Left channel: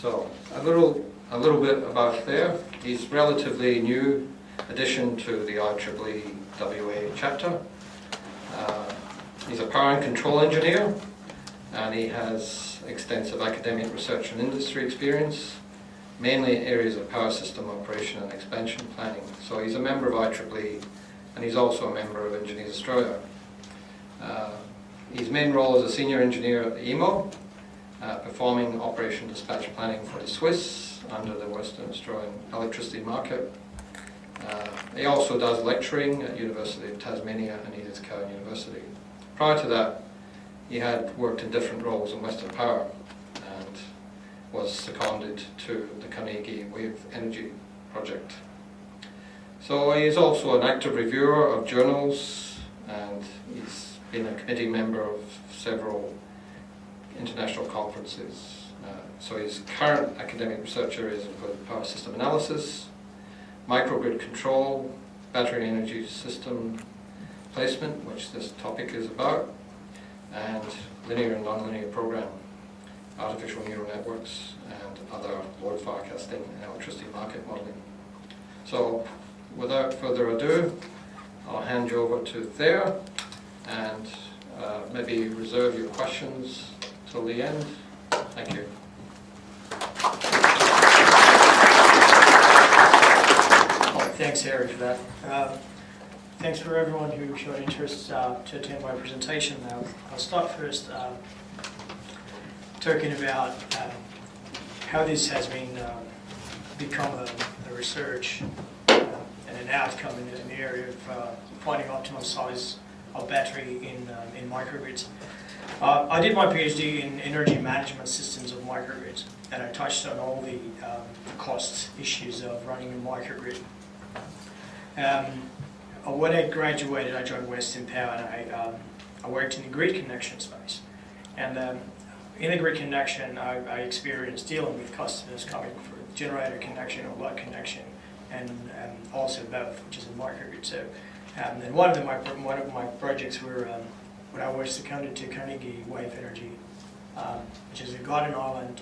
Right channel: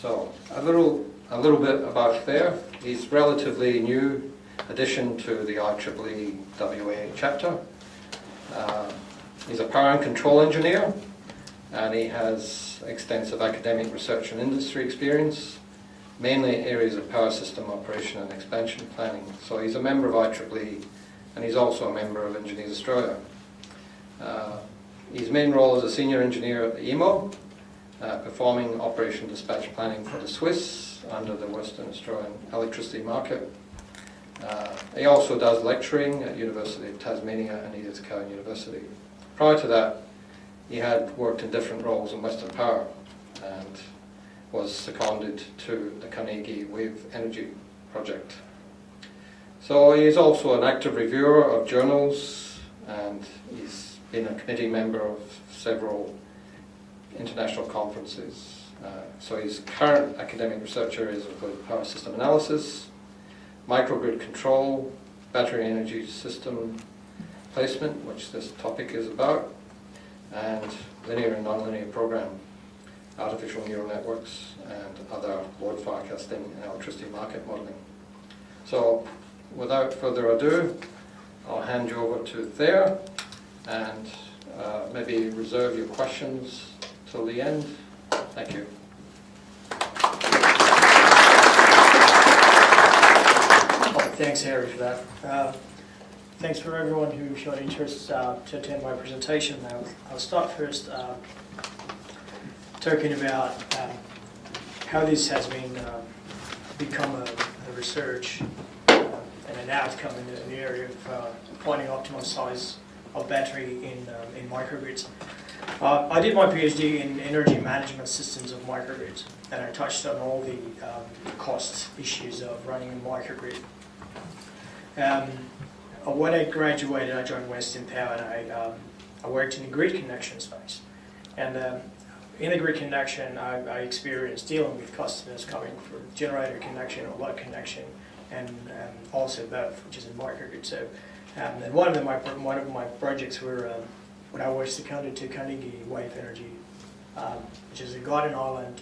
So a little bit about there. He's relatively new addition to the IEEE WA chapter. He's a power and control engineer, and he has extensive academic research and industry experience, mainly areas of power system operation and expansion planning. So he's a member of IEEE, and he's also a member of Engineers Australia. His main role is a senior engineer at the EMO, performing operation dispatch planning for the Swiss under the Western Australian electricity market. He also does lecturing at University of Tasmania and Edith Cowan University. Prior to that, he had worked in different roles in Western Power and was seconded to the Carnegie Wave Energy project. So he is also an active reviewer of journals, and he's been a committee member of several international conferences. So his current academic research areas include power system analysis, microgrid control, battery energy system placement, which this topic is about, and linear and nonlinear program, artificial neural networks, and other load forecasting and electricity market modeling. So without further ado, I'll hand you over to Thayer, and maybe reserve your questions till the end. Thank you. Thanks, Harry, for that. Thanks for everyone who showed interest to attend my presentation. I'll start first talking about how this has been become a research and an outcome in the area of finding optimal size of battery in microgrids. I did my PhD in energy management systems of microgrids, and I touched on all the cost issues of running a microgrid. When I graduated, I joined Western Power, and I worked in the grid connection space. And in the grid connection, I experienced dealing with customers coming for generator connection or load connection, and also both, which is in microgrid. So, and one of my projects were when I was seconded to Carnegie Wave Energy, which is a Garden Island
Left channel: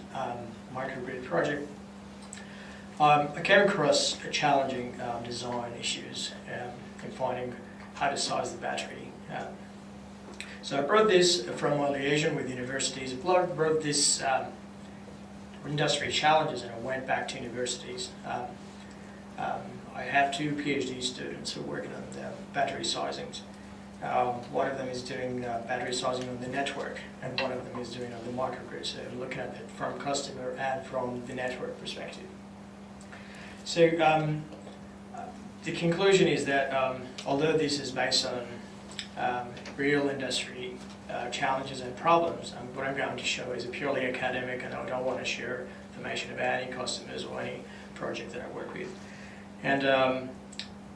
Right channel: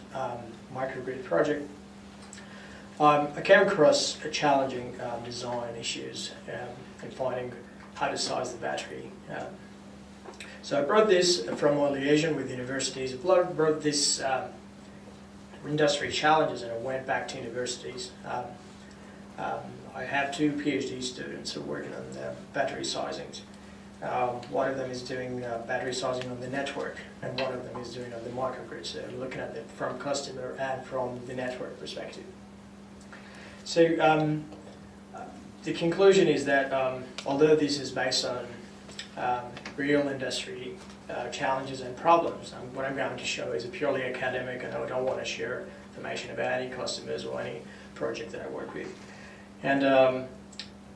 microgrid project. I came across challenging design issues in finding how to size the battery. So I brought this from my liaison with universities. I brought this industry challenges, and I went back to universities. I have 2 PhD students who are working on battery sizings. One of them is doing battery sizing on the network, and one of them is doing on the microgrid. So looking at it from customer and from the network perspective. So the conclusion is that although this is based on real industry challenges and problems, what I'm going to show is a purely academic, and I don't want to share information about any customers or any project that I work with. And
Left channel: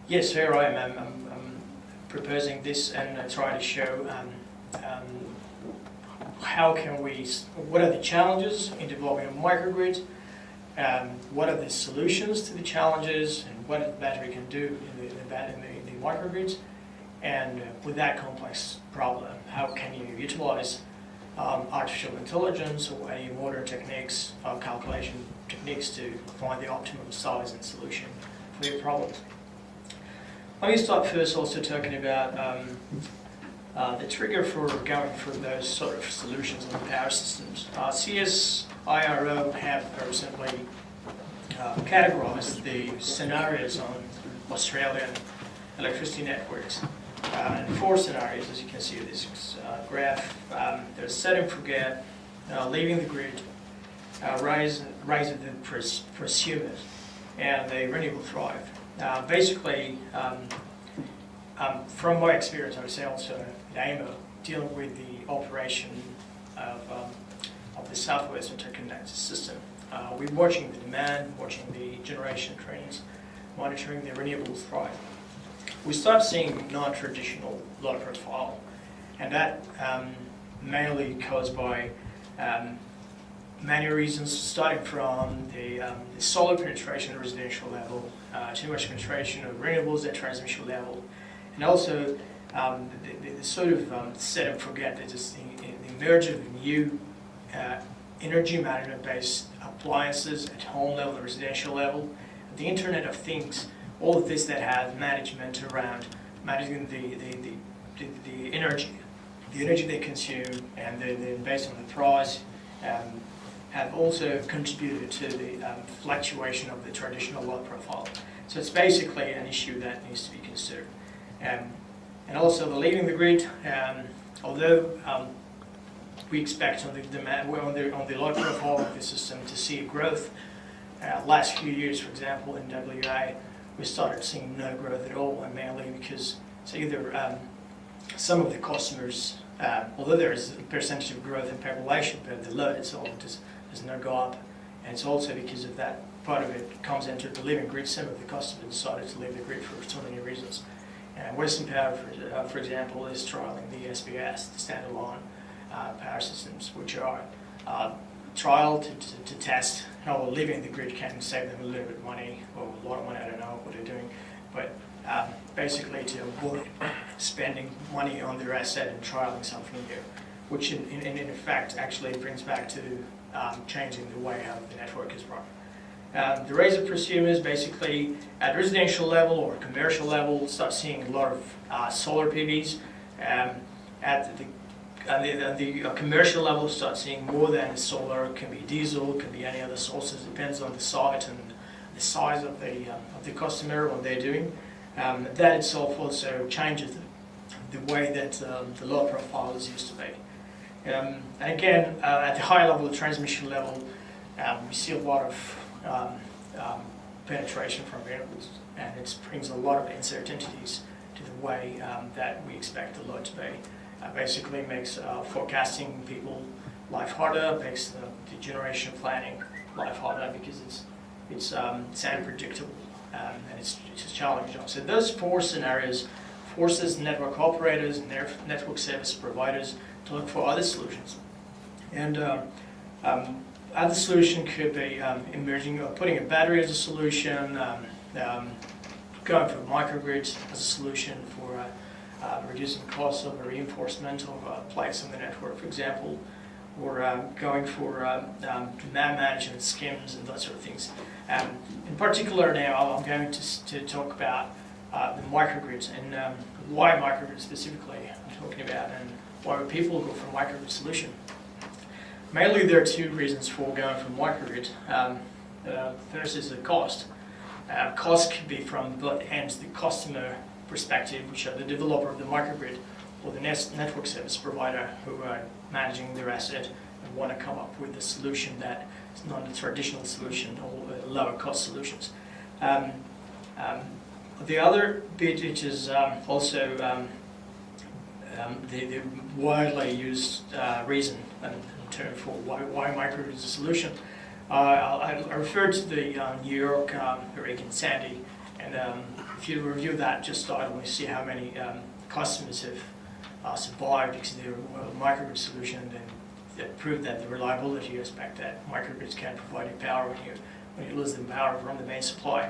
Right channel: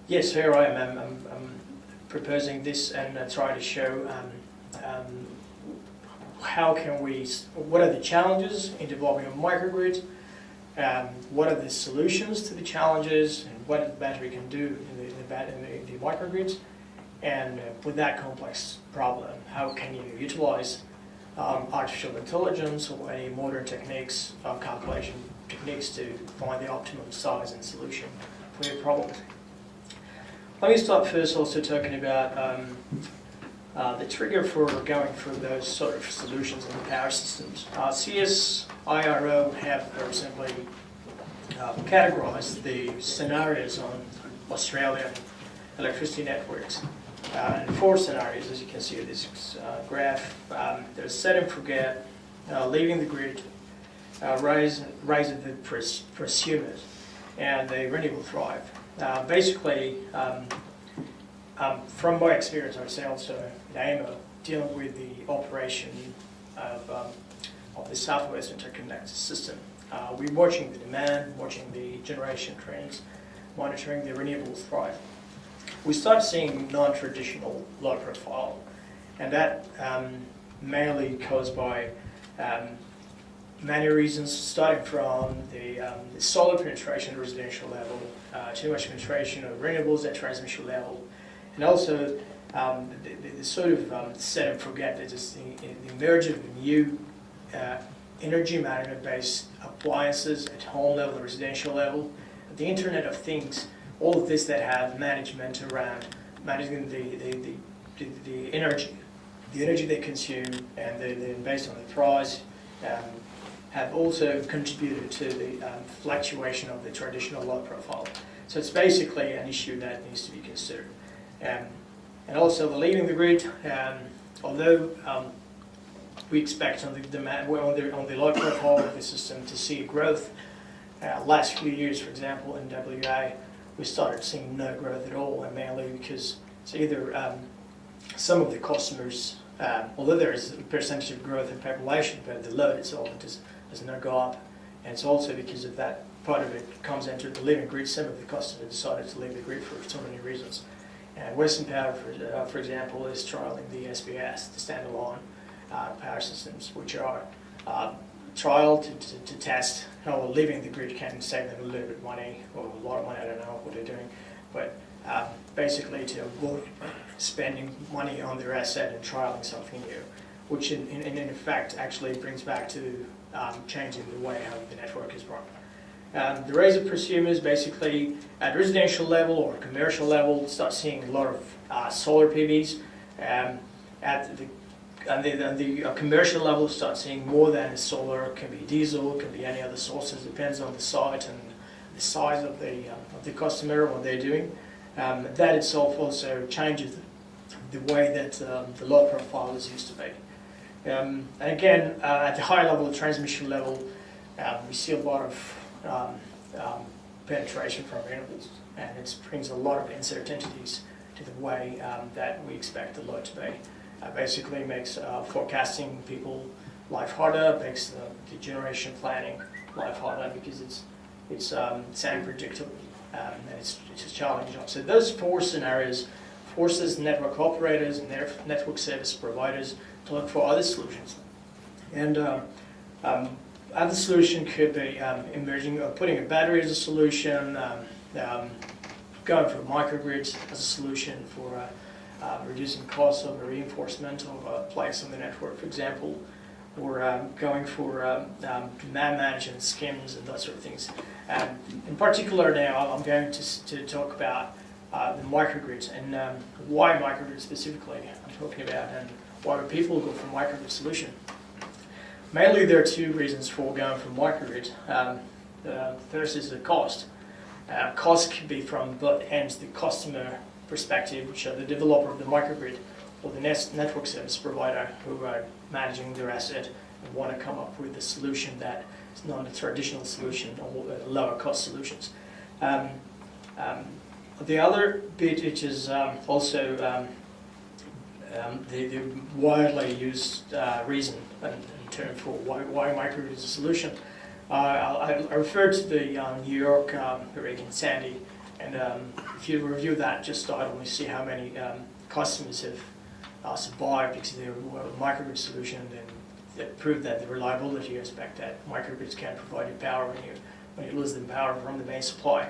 yes, here I am. I'm proposing this and trying to show what are the challenges in developing a microgrid. What are the solutions to the challenges, and what the battery can do in the microgrids, and with that complex problem, how can you utilize artificial intelligence or any modern techniques, calculation techniques, to find the optimum size and solution for your problem. Let me start first also talking about the trigger for going for those sort of solutions in the power systems. CSIRO have recently categorized the scenarios on Australian electricity networks. And 4 scenarios, as you can see in this graph. There's set and forget, leaving the grid, rise of the prosumers, and the renewable thrive. Basically, from my experience, I would say also in AMO, dealing with the operation of the Southwest Interconnected System. We're watching the demand, watching the generation trends, monitoring the renewable thrive. We start seeing non-traditional load profile, and that mainly caused by many reasons, starting from the solar penetration at the residential level, too much penetration of renewables at transmission level, and also the sort of set and forget, that is the emergence of new energy management-based appliances at home level, residential level, the Internet of Things, all of this that have management around managing the energy they consume, and then based on the price, have also contributed to the fluctuation of the traditional load profile. So it's basically an issue that needs to be considered. And also the leaving the grid, although we expect on the demand, on the load profile of the system to see growth, last few years, for example, in WA, we started seeing no growth at all, and mainly because it's either some of the customers, although there is a percentage of growth in population, but the load itself does not go up, and it's also because of that part of it comes into the leaving grid. Some of the customers decided to leave the grid for so many reasons. Western Power, for example, is trialling the SBS, the standalone power systems, which are trial to test how leaving the grid can save them a little bit of money, or a lot of money, I don't know what they're doing, but basically to avoid spending money on their asset and trialing something new, which in effect actually brings back to changing the way how the network is run. The rise of prosumers basically at residential level or commercial level start seeing a lot of solar PVs. At the commercial level start seeing more than solar. It can be diesel, it can be any other sources, depends on the site and the size of the customer, what they're doing. That itself also changes the way that the load profile is used to be. And again, at the high level, the transmission level, we see a lot of penetration from renewables, and it brings a lot of uncertainties to the way that we expect the load to be. Basically makes forecasting people life harder, makes the generation planning life harder because it's unpredictable and it's a challenging job. So those four scenarios forces network operators and their network service providers to look for other solutions. And other solution could be putting a battery as a solution, going for microgrids as a solution for reducing costs of reinforcement of a place in the network, for example, or going for demand management schemes and those sort of things. In particular now, I'm going to talk about the microgrids and why microgrids specifically I'm talking about, and why would people go for a microgrid solution. Mainly there are two reasons for going for microgrid. The first is the cost. Cost could be from both ends, the customer perspective, which are the developer of the microgrid, or the network service provider who are managing their asset and want to come up with a solution that is not a traditional solution or lower cost solutions. The other bit, which is also the widely used reason and term for why microgrid is a solution. I referred to the New York Hurricane Sandy, and if you review that just started, we see how many customers have survived because they were a microgrid solution, and that proved that the reliability aspect that microgrids can provide you power when you lose the power from the main supply.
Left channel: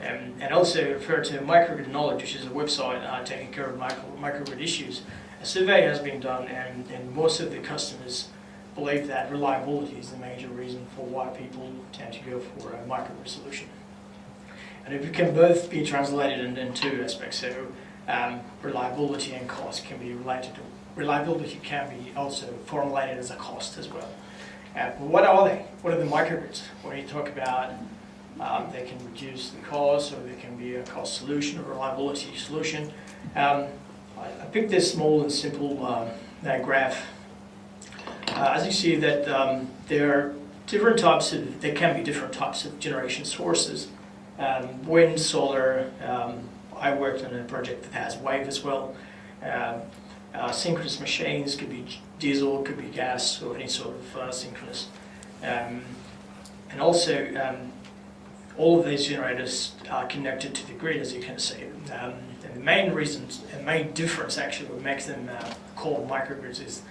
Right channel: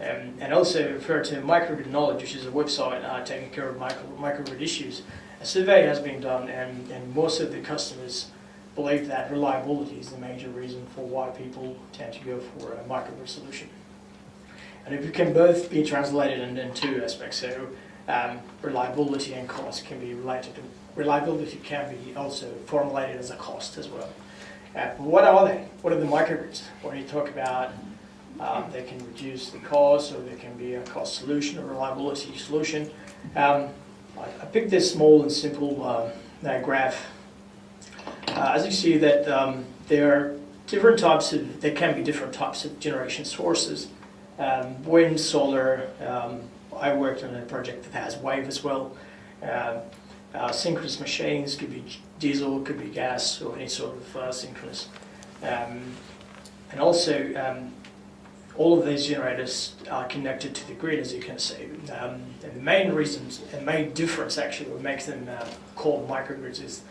And also refer to Microgrid Knowledge, which is a website taking care of microgrid issues. A survey has been done, and most of the customers believe that reliability is the major reason for why people tend to go for a microgrid solution. And if it can both be translated in two aspects, so reliability and cost can be related. Reliability can be also formulated as a cost as well. What are they? What are the microgrids? When you talk about they can reduce the cost, or they can be a cost solution or reliability solution. I picked this small and simple graph. As you see that there are different types of, there can be different types of generation sources. Wind, solar, I worked on a project that has wave as well. Synchronous machines could be diesel, could be gas, or any sort of synchronous. And also, all of these generators are connected to the grid, as you can see. And the main reasons, and main difference actually, what makes them called microgrids is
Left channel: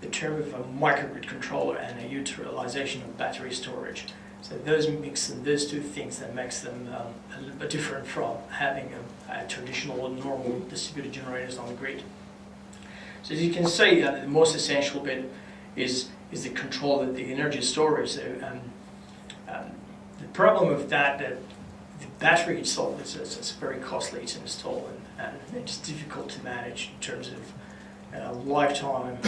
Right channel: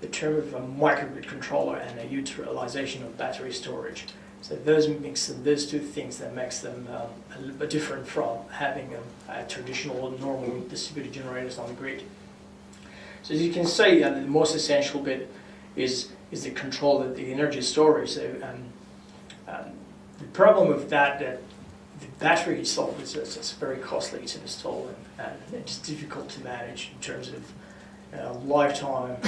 the term of a microgrid controller and a utilization of battery storage. So those two things that makes them a little bit different from having a traditional normal distributed generators on the grid. So as you can see, the most essential bit is the control of the energy storage. So, problem with that the battery itself is it's very costly to install, and it's difficult to manage in terms of lifetime,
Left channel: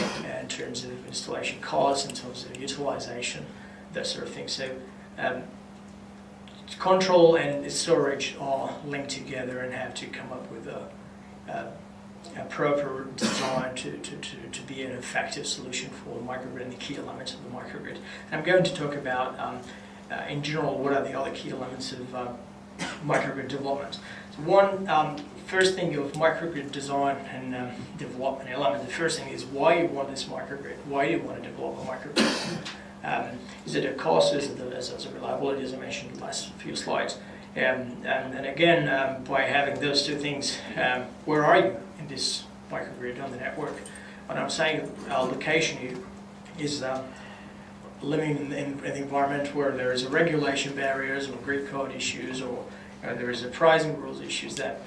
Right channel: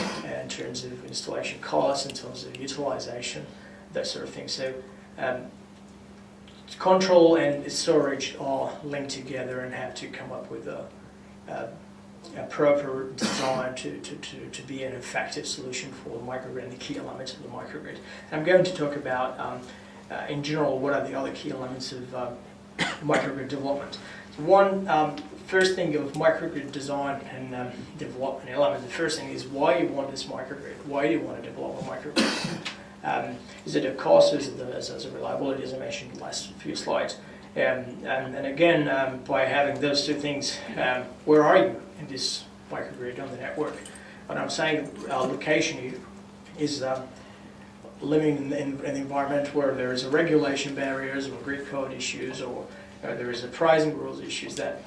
in terms of installation costs, in terms of utilization, that sort of thing. So control and storage are linked together and have to come up with a proper design to be an effective solution for the microgrid and the key elements of the microgrid. And I'm going to talk about, in general, what are the other key elements of microgrid development. So first thing of microgrid design and development element, the first thing is why you want this microgrid. Why do you want to develop a microgrid? Is it a cost? Is it as a reliability, as I mentioned in the last few slides? And again, by having those two things, where are you in this microgrid on the network? When I'm saying location is living in an environment where there is a regulation barriers or grid code issues, or there is a pricing rules issues that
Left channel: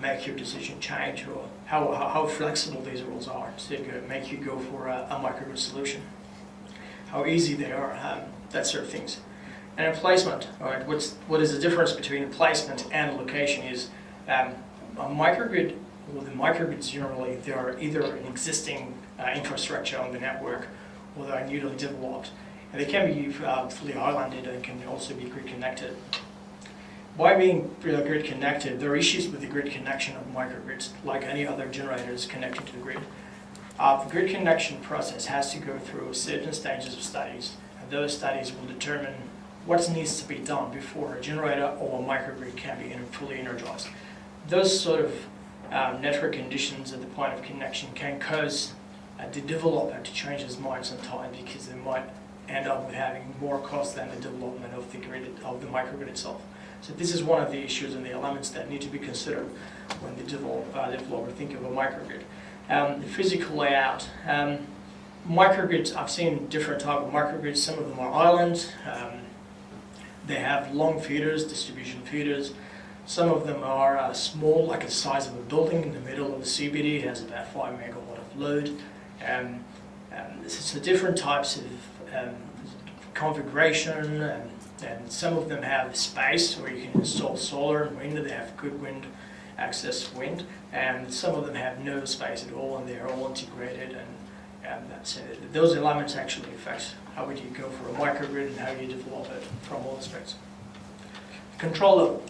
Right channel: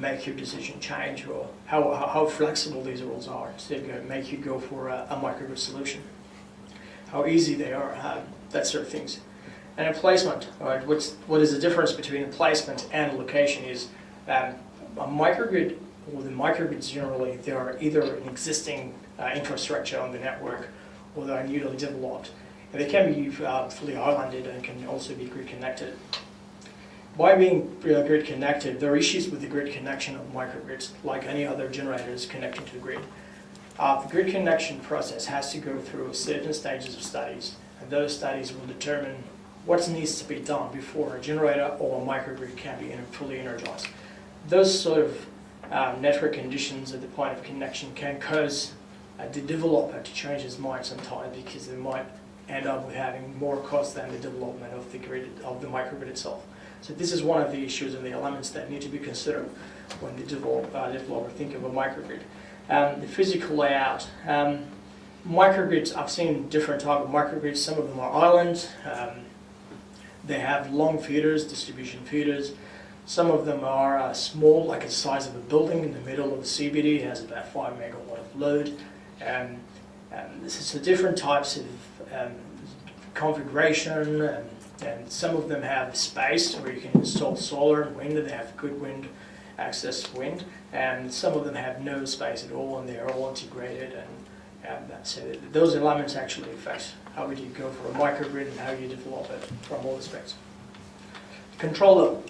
make your decision change, or how flexible these rules are to make you go for a microgrid solution, how easy they are, that sort of things. And a placement, right? What is the difference between a placement and a location is a microgrid, or the microgrids generally, they are either an existing infrastructure on the network, or they are newly developed. And they can be fully islanded and can also be grid connected. By being grid connected, there are issues with the grid connection of microgrids, like any other generators connected to the grid. The grid connection process has to go through certain stages of studies, and those studies will determine what needs to be done before a generator or a microgrid can be fully energized. Those sort of network conditions at the point of connection can cause the developer to change his mind sometimes, because they might end up with having more cost than the development of the grid, of the microgrid itself. So this is one of the issues and the elements that need to be considered when the developer think of a microgrid. The physical layout. Microgrids, I've seen different type of microgrids. Some of them are islands. They have long feeders, distribution feeders. Some of them are small, like the size of a building in the middle of the CBD. It has about 5 megawatt of load. So different types of configuration, and some of them have space where you can install solar and wind. They have good wind access wind, and some of them have no space at all, and they're all integrated. And so those elements actually affect how would you go for a microgrid and how you develop it from all aspects. Control level.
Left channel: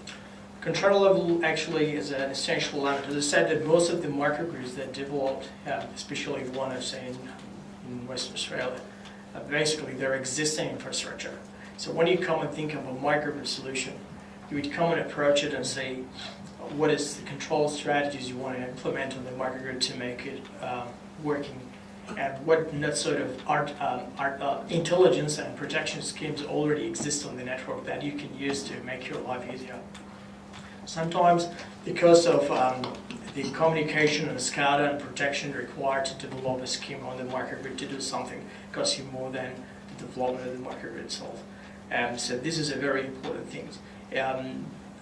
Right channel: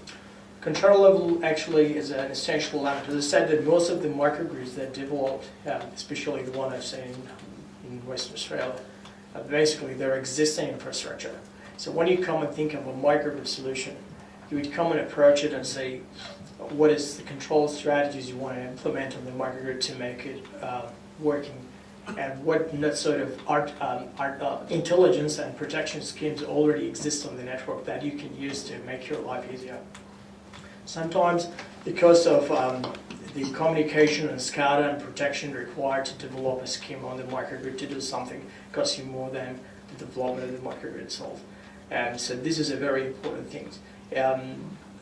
Control level actually is an essential element. As I said, that most of the microgrids that developed, especially the one I've seen in Western Australia, basically they're existing infrastructure. So when you come and think of a microgrid solution, you would come and approach it and say, what is the control strategies you want to implement on the microgrid to make it working, and what sort of intelligence and protection schemes already exist on the network that you can use to make your life easier. Sometimes, because of the communication and SCADA and protection required to develop a scheme on the microgrid to do something, costs you more than the development of the microgrid itself. So this is a very important thing.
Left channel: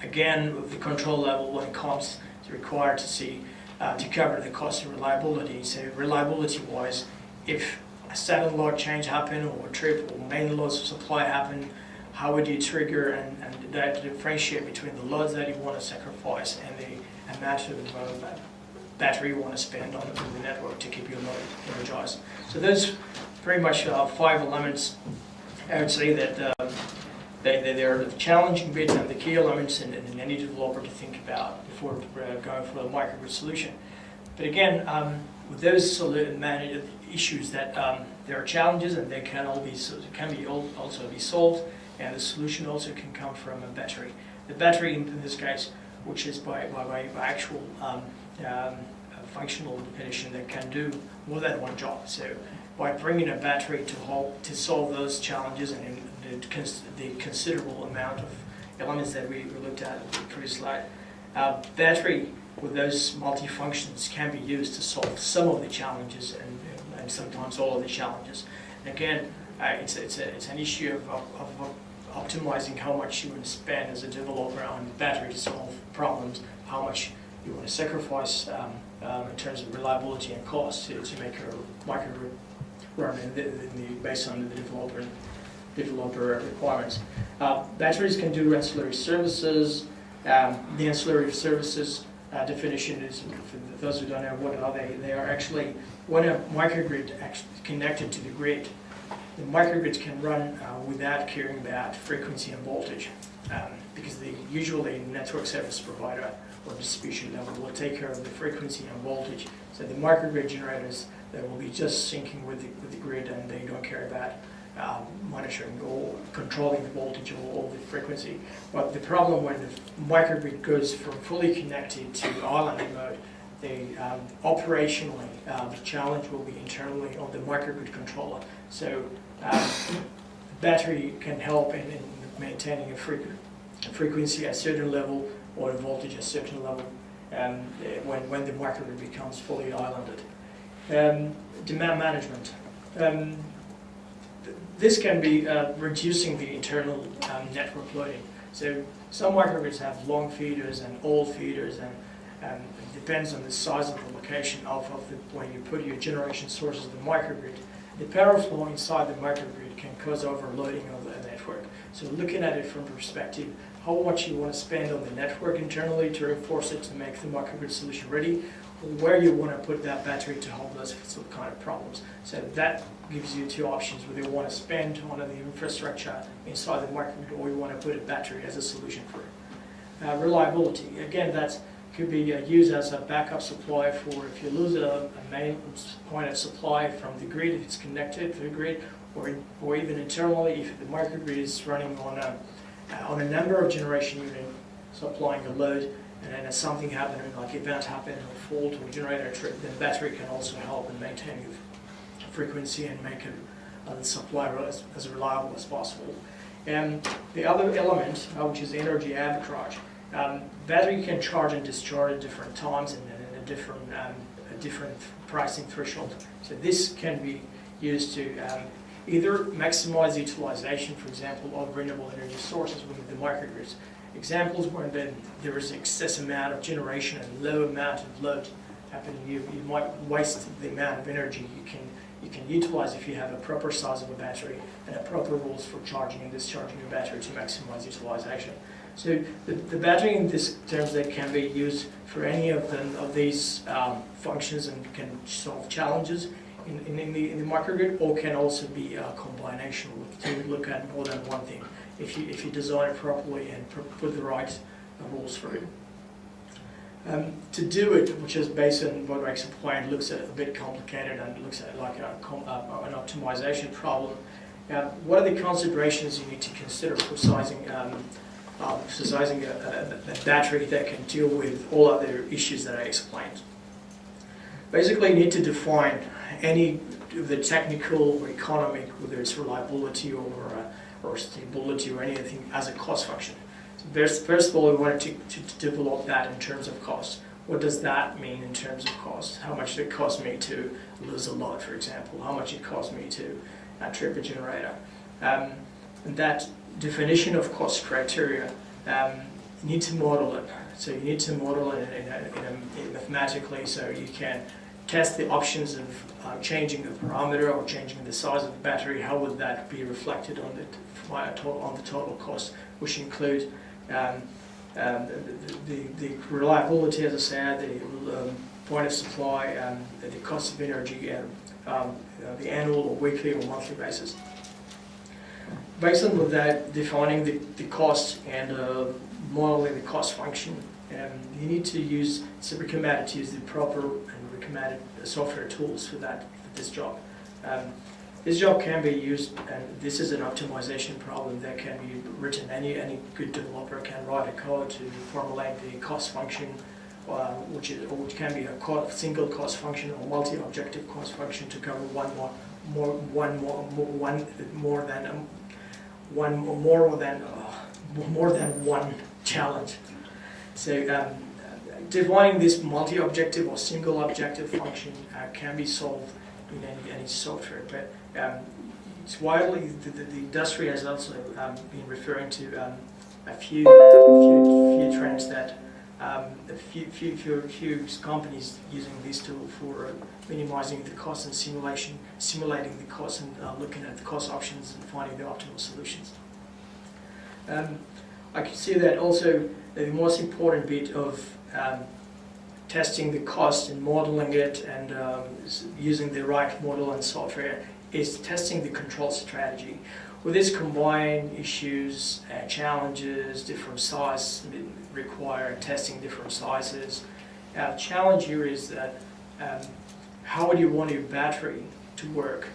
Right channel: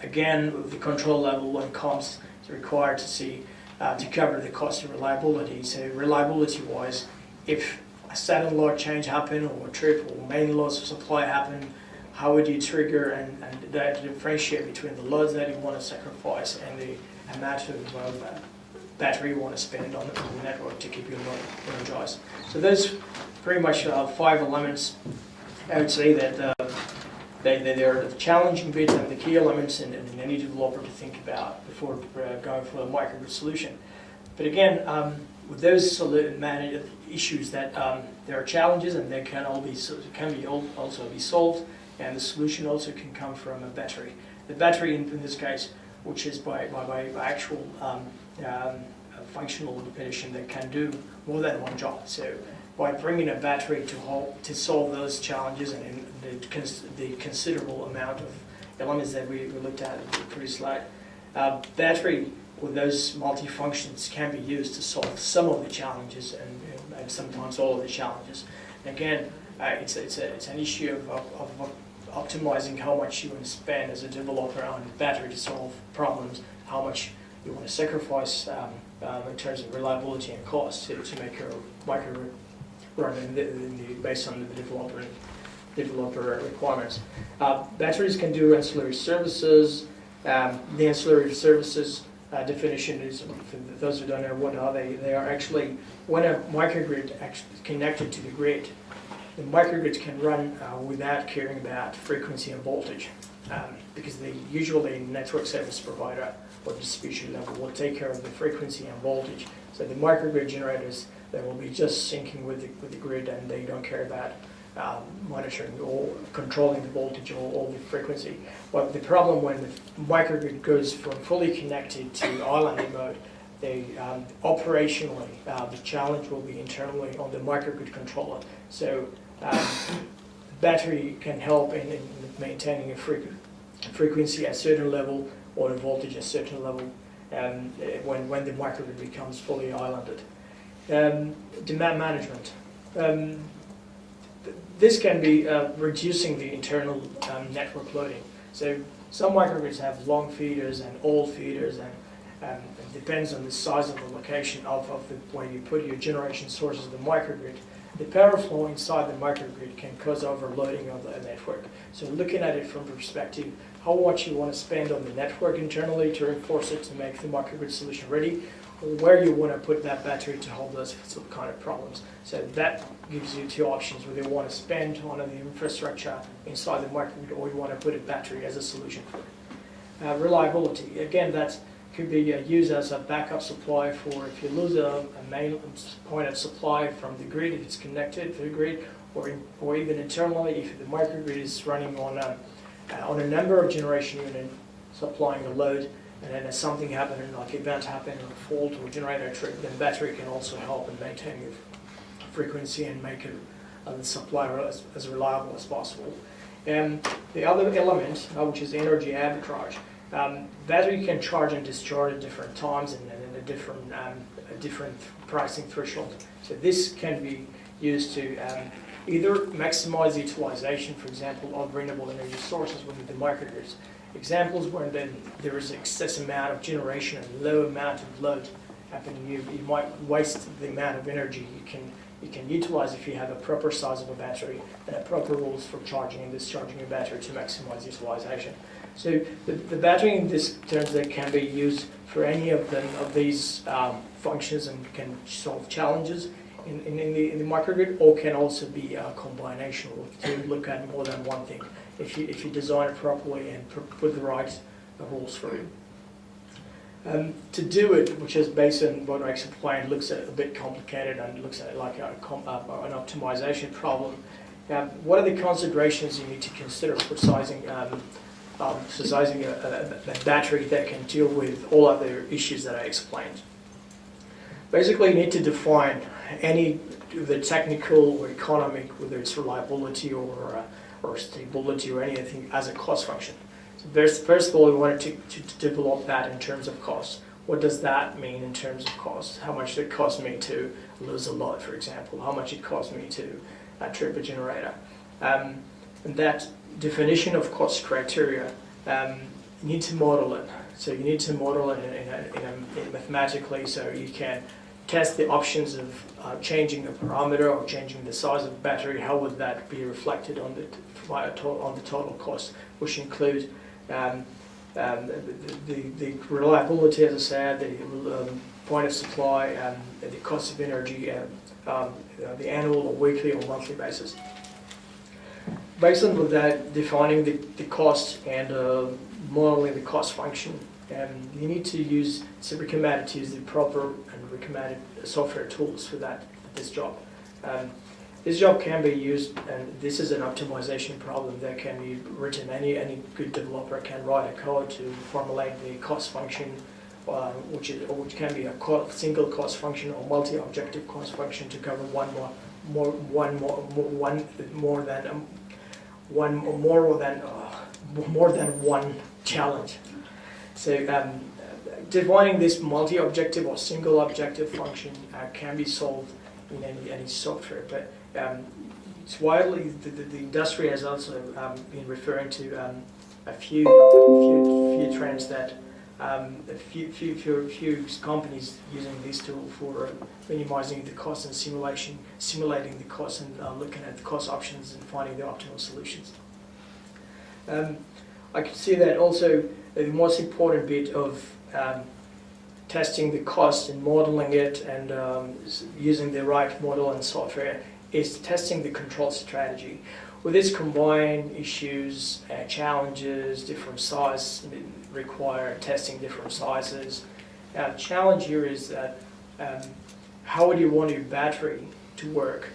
Again, the control level when it comes, it's required to see to cover the cost of reliability. So reliability-wise, if a sudden load change happen, or a trip or main loss of supply happen, how would you trigger and differentiate between the loads that you want to sacrifice and the amount of battery you want to spend on the network to keep your load energized? So those pretty much 5 elements. I would say that they are the challenging bits and the key elements in any developer to think about before going for a microgrid solution. But again, with those issues that there are challenges, and they can also be solved, and the solution also can come from a battery. The battery in this case, which is by actual functional definition, that can do more than one job. So by bringing a battery to solve those challenges and the considerable amount of elements that we looked at in the previous slide, battery with those multi-functions can be used to solve some of the challenges and sometimes all of the challenges. And again, it's an issue of optimizing how much you want to spend as a developer on battery to solve problems, how much you want to sacrifice in terms of reliability and cost to make your microgrid run based on the developer developer requirements. Batteries can do ancillary services. The ancillary services definition is, for those who don't know, what are they? They are actually, when a microgrid actually connected to the grid, the microgrids can run without caring about frequency and voltage, because usually network service provider or distribution level will take care of the frequency and voltage. So the microgrid generators, they will be just syncing with the grid, and they don't care about monitoring or controlling the voltage or the frequency. But the problem when the microgrid goes from fully connected to island mode, operationally, the challenge will be internally on the microgrid controller. So battery can help in maintaining a frequency at a certain level or a voltage at a certain level when the microgrid becomes fully islanded. Demand management. This can be reducing the internal network loading. So some microgrids have long feeders and old feeders, and it depends on the size of the location of where you put your generation sources of the microgrid. The power flow inside the microgrid can cause overloading of the network. So looking at it from the perspective, how much you want to spend on the network internally to reinforce it to make the microgrid solution ready, or where you want to put that battery to hold those kind of problems. So that gives you two options, whether you want to spend on the infrastructure inside the microgrid, or you want to put a battery as a solution for it. Reliability, again, that could be used as a backup supply for if you lose a main point of supply from the grid, if it's connected to the grid, or even internally, if the microgrid is running on a number of generation units supplying a load, and then as something happening, like event happening, or fault or generator trip, then battery can also help in maintaining the frequency and make the supply as reliable as possible. And the other element, which is energy arbitrage. Battery can charge and discharge at different times and a different pricing threshold. So this can be used to either maximize utilization, for example, of renewable energy sources within the microgrids. Examples where then there is excess amount of generation and low amount of load happening, you might waste the amount of energy you can utilize if you have a proper size of a battery and a proper rules for charging and discharging your battery to maximize utilization. So the battery in this terms that can be used for any of these functions and can solve challenges in the microgrid, or can also be a combination to look at more than one thing if you design it properly and put the right rules for it. To do it, which is based on what I explained, looks at a bit complicated and looks at it like an optimization problem. What are the considerations you need to consider for sizing a battery that can deal with all other issues that I explained? Basically, you need to define any of the technical or economic, whether it's reliability or stability or anything, as a cost function. So first of all, we want to develop that in terms of cost. What does that mean in terms of cost? How much did it cost me to lose a load, for example? How much it cost me to trip a generator? And that definition of cost criteria, you need to model it. So you need to model it mathematically, so you can test the options of changing the parameter or changing the size of the battery. How would that be reflected on the total cost, which include the reliability, as I said, the point of supply, the cost of energy, the annual or weekly or monthly basis. Based on that, defining the cost and modeling the cost function, you need to use, it's recommended to use the proper and recommended software tools for this job. This job can be used, and this is an optimization problem that can be written. Any good developer can write a code to formulate the cost function, which can be a single cost function or multi-objective cost function to cover more than one challenge. So defining this multi-objective or single objective function can be solved in any software, but it's widely, the industry has also been referring to a few trends that a few companies using this tool for minimizing the cost and simulating the cost and looking at the cost options and finding the optimal solutions. I can see that also the most important bit of testing the cost and modeling it and using the right model and software is testing the control strategy. With this combined issues, challenges, different size require testing different sizes. Challenge here is that how would you want your battery to work?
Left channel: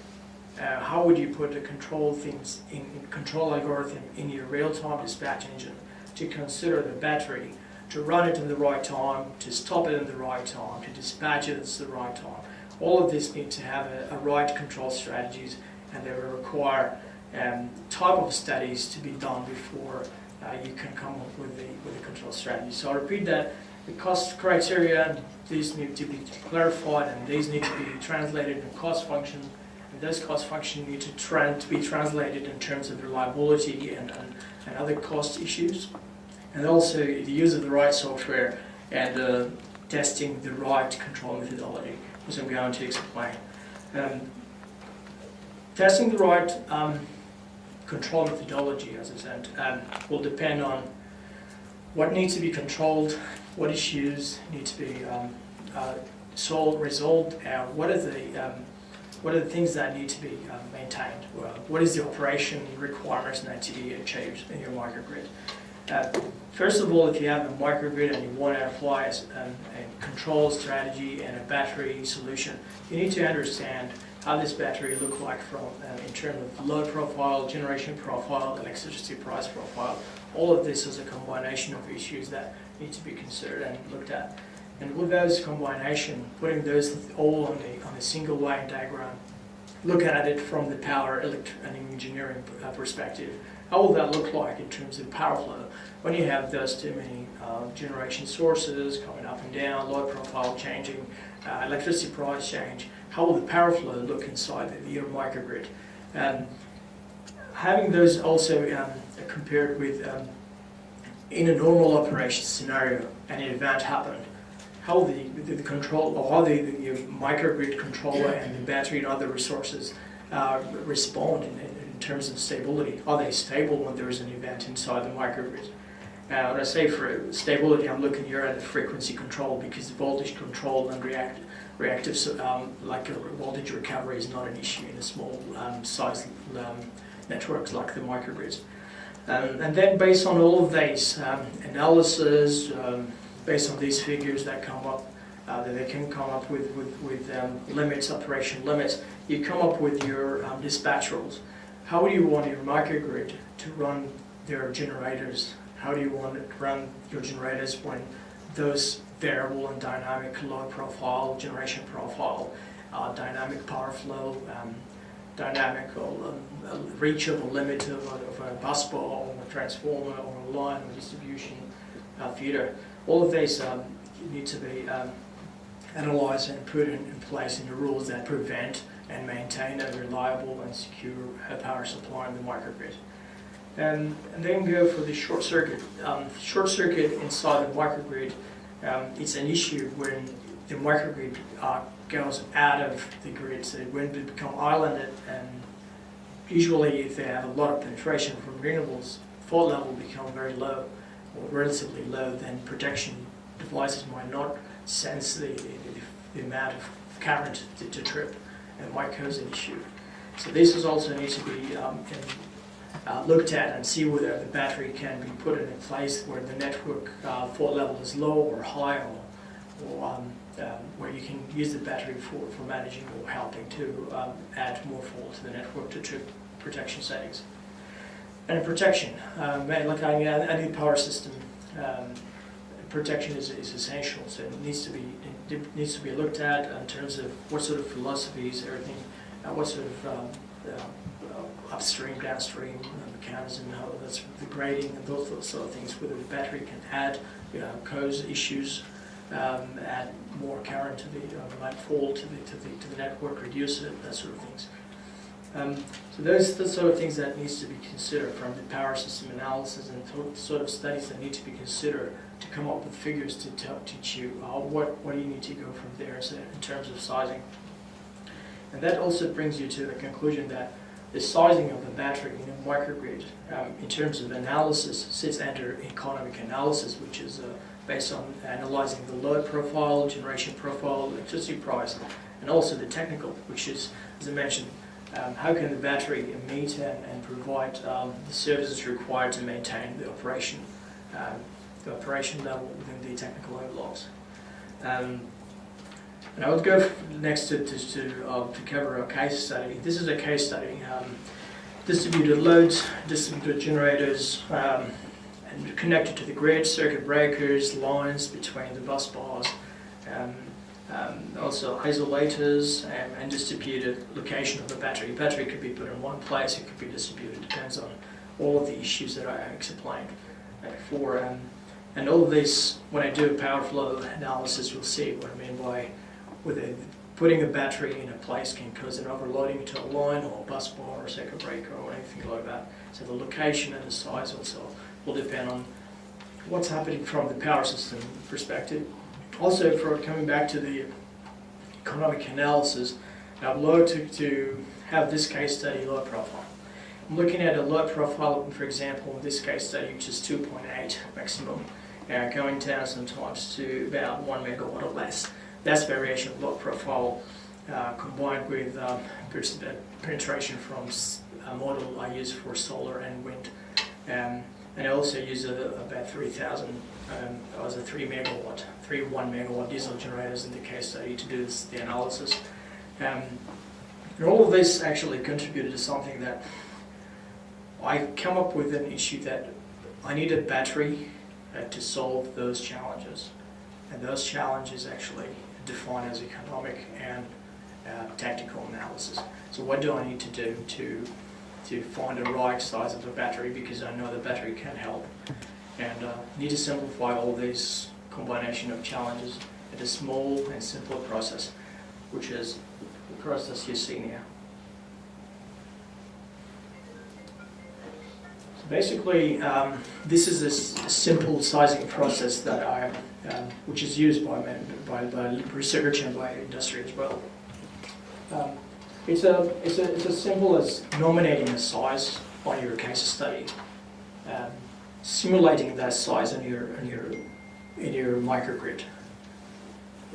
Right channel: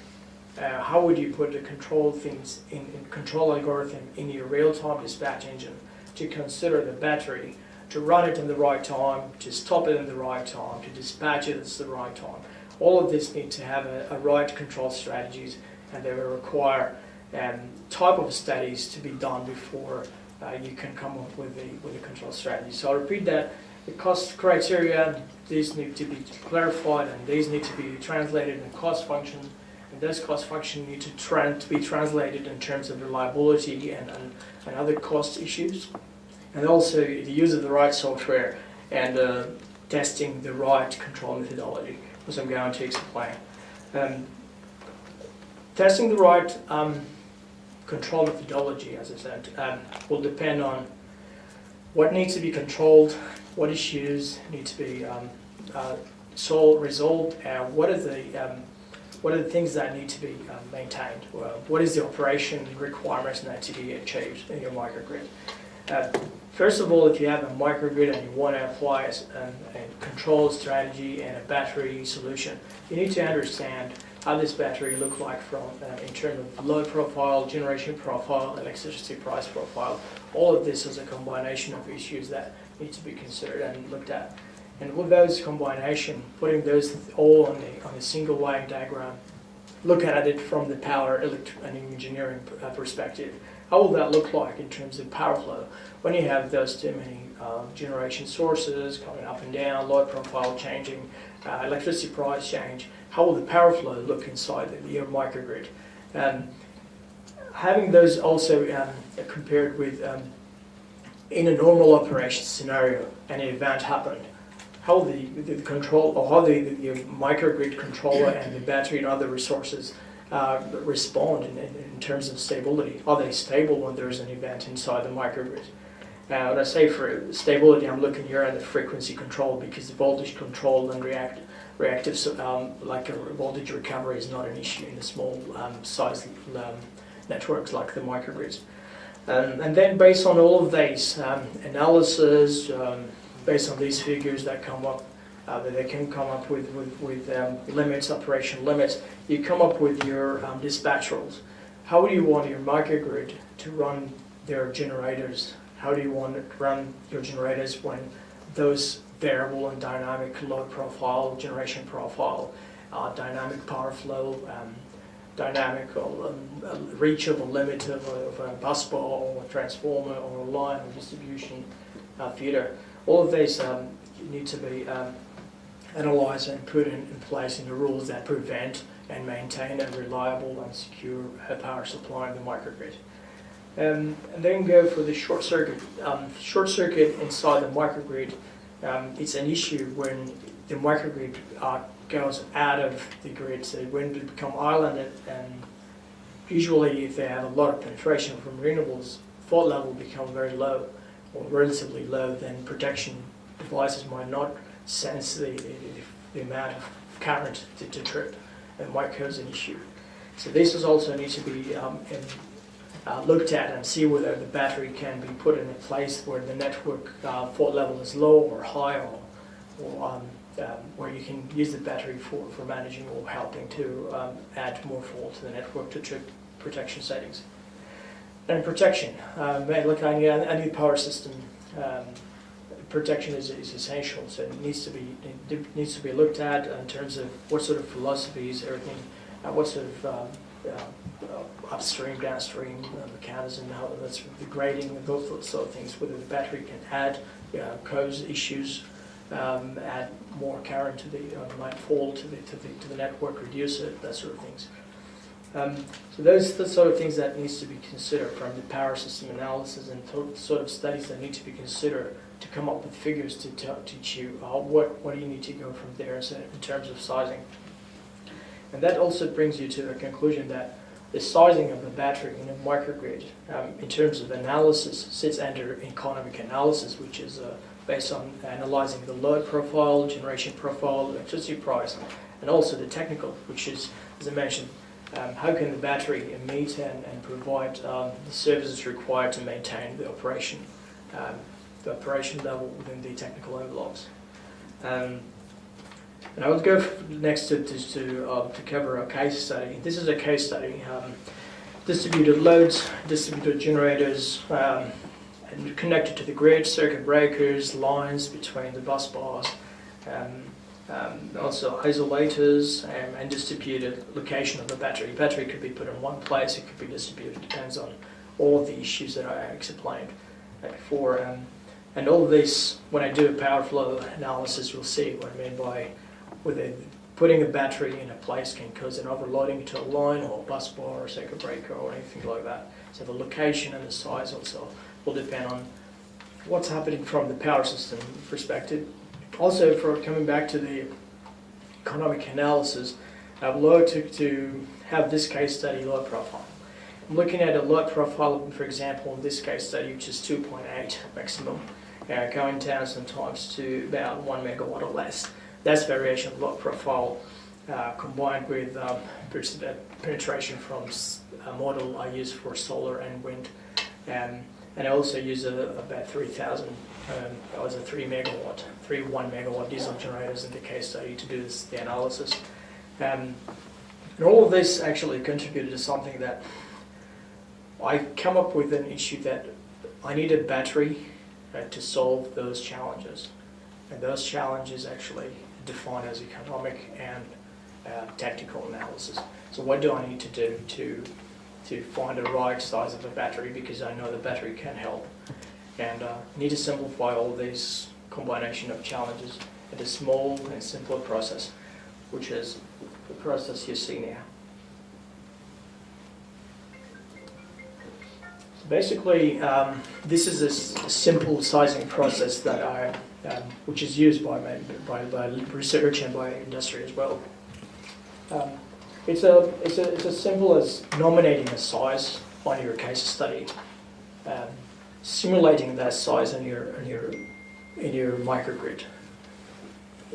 How would you put the control things in control algorithm in your real-time dispatch engine to consider the battery, to run it in the right time, to stop it in the right time, to dispatch it at the right time. All of this needs to have a right control strategies, and they will require type of studies to be done before you can come up with a control strategy. So I'll repeat that. The cost criteria, these need to be clarified, and these need to be translated in cost functions. And those cost functions need to be translated in terms of reliability and other cost issues. And also the use of the right software and testing the right control methodology, which I'm going to explain. Testing the right control methodology, as I said, will depend on what needs to be controlled, what issues need to be resolved, what are the things that need to be maintained, what is the operation requirements that need to be achieved in your microgrid. First of all, if you have a microgrid and you want to apply a control strategy and a battery solution, you need to understand how this battery look like from in terms of load profile, generation profile, electricity price profile. All of this is a combination of issues that need to be considered and looked at. And with those combination, putting those all on a single line diagram, look at it from the power and engineering perspective. How will that look like in terms of power flow? When you have those too many generation sources coming up and down, load profile changing, electricity price change, how will the power flow look inside your microgrid? Having those also compared with in a normal operation scenario, and an event happened, how the control, or how the microgrid controller and the battery and other resources respond in terms of stability. Are they stable when there is an event inside the microgrid? When I say for stability, I'm looking here at the frequency control, because the voltage control and reactive like a voltage recovery is not an issue in the small size networks like the microgrids. And then based on all of these analysis, based on these figures that come up, that they can come up with limits, operation limits, you come up with your dispatch rules. How do you want your microgrid to run their generators? How do you want to run your generators when those variable and dynamic load profile, generation profile, dynamic power flow, dynamic reach of a limit of a bus bar or a transformer or a line or distribution feeder? All of these need to be analysed and put in place in the rules that prevent and maintain a reliable and secure power supply in the microgrid. And then go for the short circuit. Short circuit inside the microgrid, it's an issue when the microgrid goes out of the grid. So when they become islanded, and usually if they have a lot of penetration from renewables, fault level become very low or relatively low, then protection devices might not sense the amount of current to trip, and might cause an issue. So this is also needs to be looked at and see whether the battery can be put in a place where the network fault level is low or high, or where you can use the battery for managing or helping to add more fault to the network to trip protection settings. And protection, like any power system, protection is essential. So it needs to be looked at in terms of what sort of philosophies, everything, what sort of upstream, downstream mechanism, how that's the grading and those sort of things. Whether the battery can add, cause issues, add more current to the might fall to the network, reduce it, that sort of things. So those are the sort of things that needs to be considered from the power system analysis, and sort of studies that need to be considered to come up with figures to teach you what you need to go from there so in terms of sizing. And that also brings you to the conclusion that the sizing of the battery in a microgrid, in terms of analysis, sits under economic analysis, which is based on analyzing the load profile, generation profile, electricity price, and also the technical, which is, as I mentioned, how can the battery meet and provide the services required to maintain the operation level within the technical envelopes. And I would go next to cover a case study. This is a case study. Distributed loads, distributed generators, and connected to the grid, circuit breakers, lines between the bus bars, also isolators, and distributed location of the battery. The battery could be put in one place, it could be distributed, depends on all of the issues that I explained before. And all of these, when I do a power flow analysis, you'll see what I mean by putting a battery in a place can cause an overloading to a line or a bus bar or circuit breaker or anything like that. So the location and the size also will depend on what's happening from the power system perspective. Also, for coming back to the economic analysis, I would like to have this case study load profile. I'm looking at a load profile, for example, in this case study, which is 2.8 maximum, going down sometimes to about 1 megawatt or less. That's variation of load profile combined with penetration from a model I use for solar and wind. And I also use about 3,000, that was a 1 megawatt diesel generators in the case study to do the analysis. And all of this actually contributed to something that I come up with an issue that I need a battery to solve those challenges. And those challenges actually defined as economic and technical analysis. So what do I need to do to find the right size of the battery, because I know the battery can help, and need to simplify all these combination of challenges into a small and simpler process, which is the process you see now. So basically, this is a simple sizing process that which is used by research and by industry as well. It's as simple as nominating a size on your case study, simulating that size in your microgrid.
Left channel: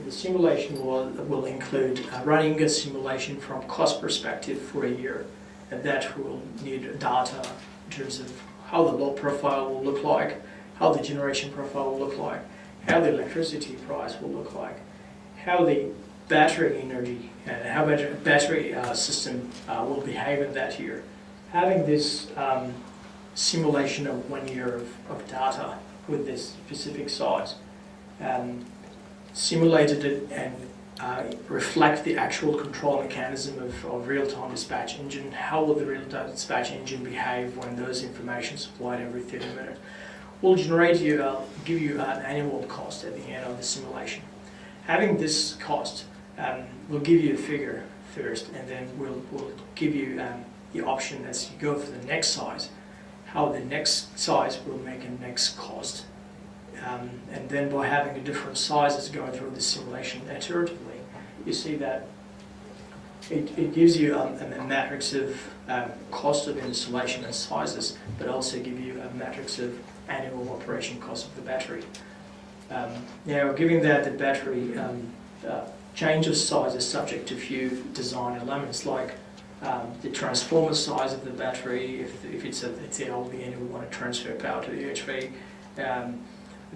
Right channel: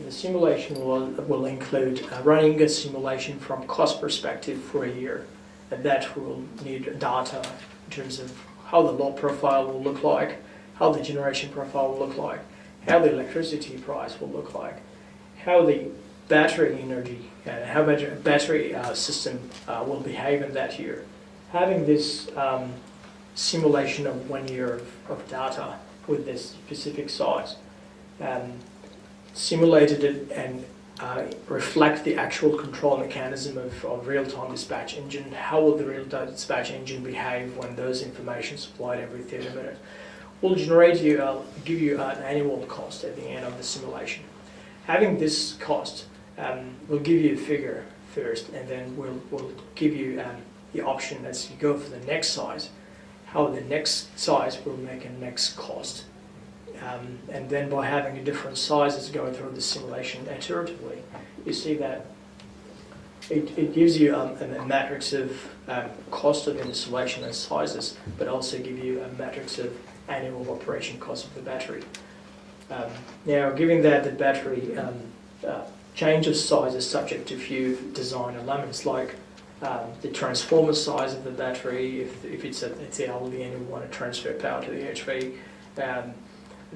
The simulation will include running a simulation from cost perspective for a year, and that will need data in terms of how the load profile will look like, how the generation profile will look like, how the electricity price will look like, how the battery energy and how battery system will behave in that year. Having this simulation of 1 year of data with this specific size, simulated it and reflect the actual control mechanism of real-time dispatch engine. How will the real-time dispatch engine behave when those information supplied every 30 minutes? Will generate give you an annual cost at the end of the simulation. Having this cost will give you a figure first, and then we'll give you the option as you go for the next size, how the next size will make a next cost. And then by having a different sizes going through the simulation iteratively, you see that it gives you a matrix of cost of installation and sizes, but also give you a matrix of annual operation cost of the battery. Now, given that the battery change of size is subject to a few design elements, like the transformer size of the battery, if it's LV and we want to transfer power to the HV,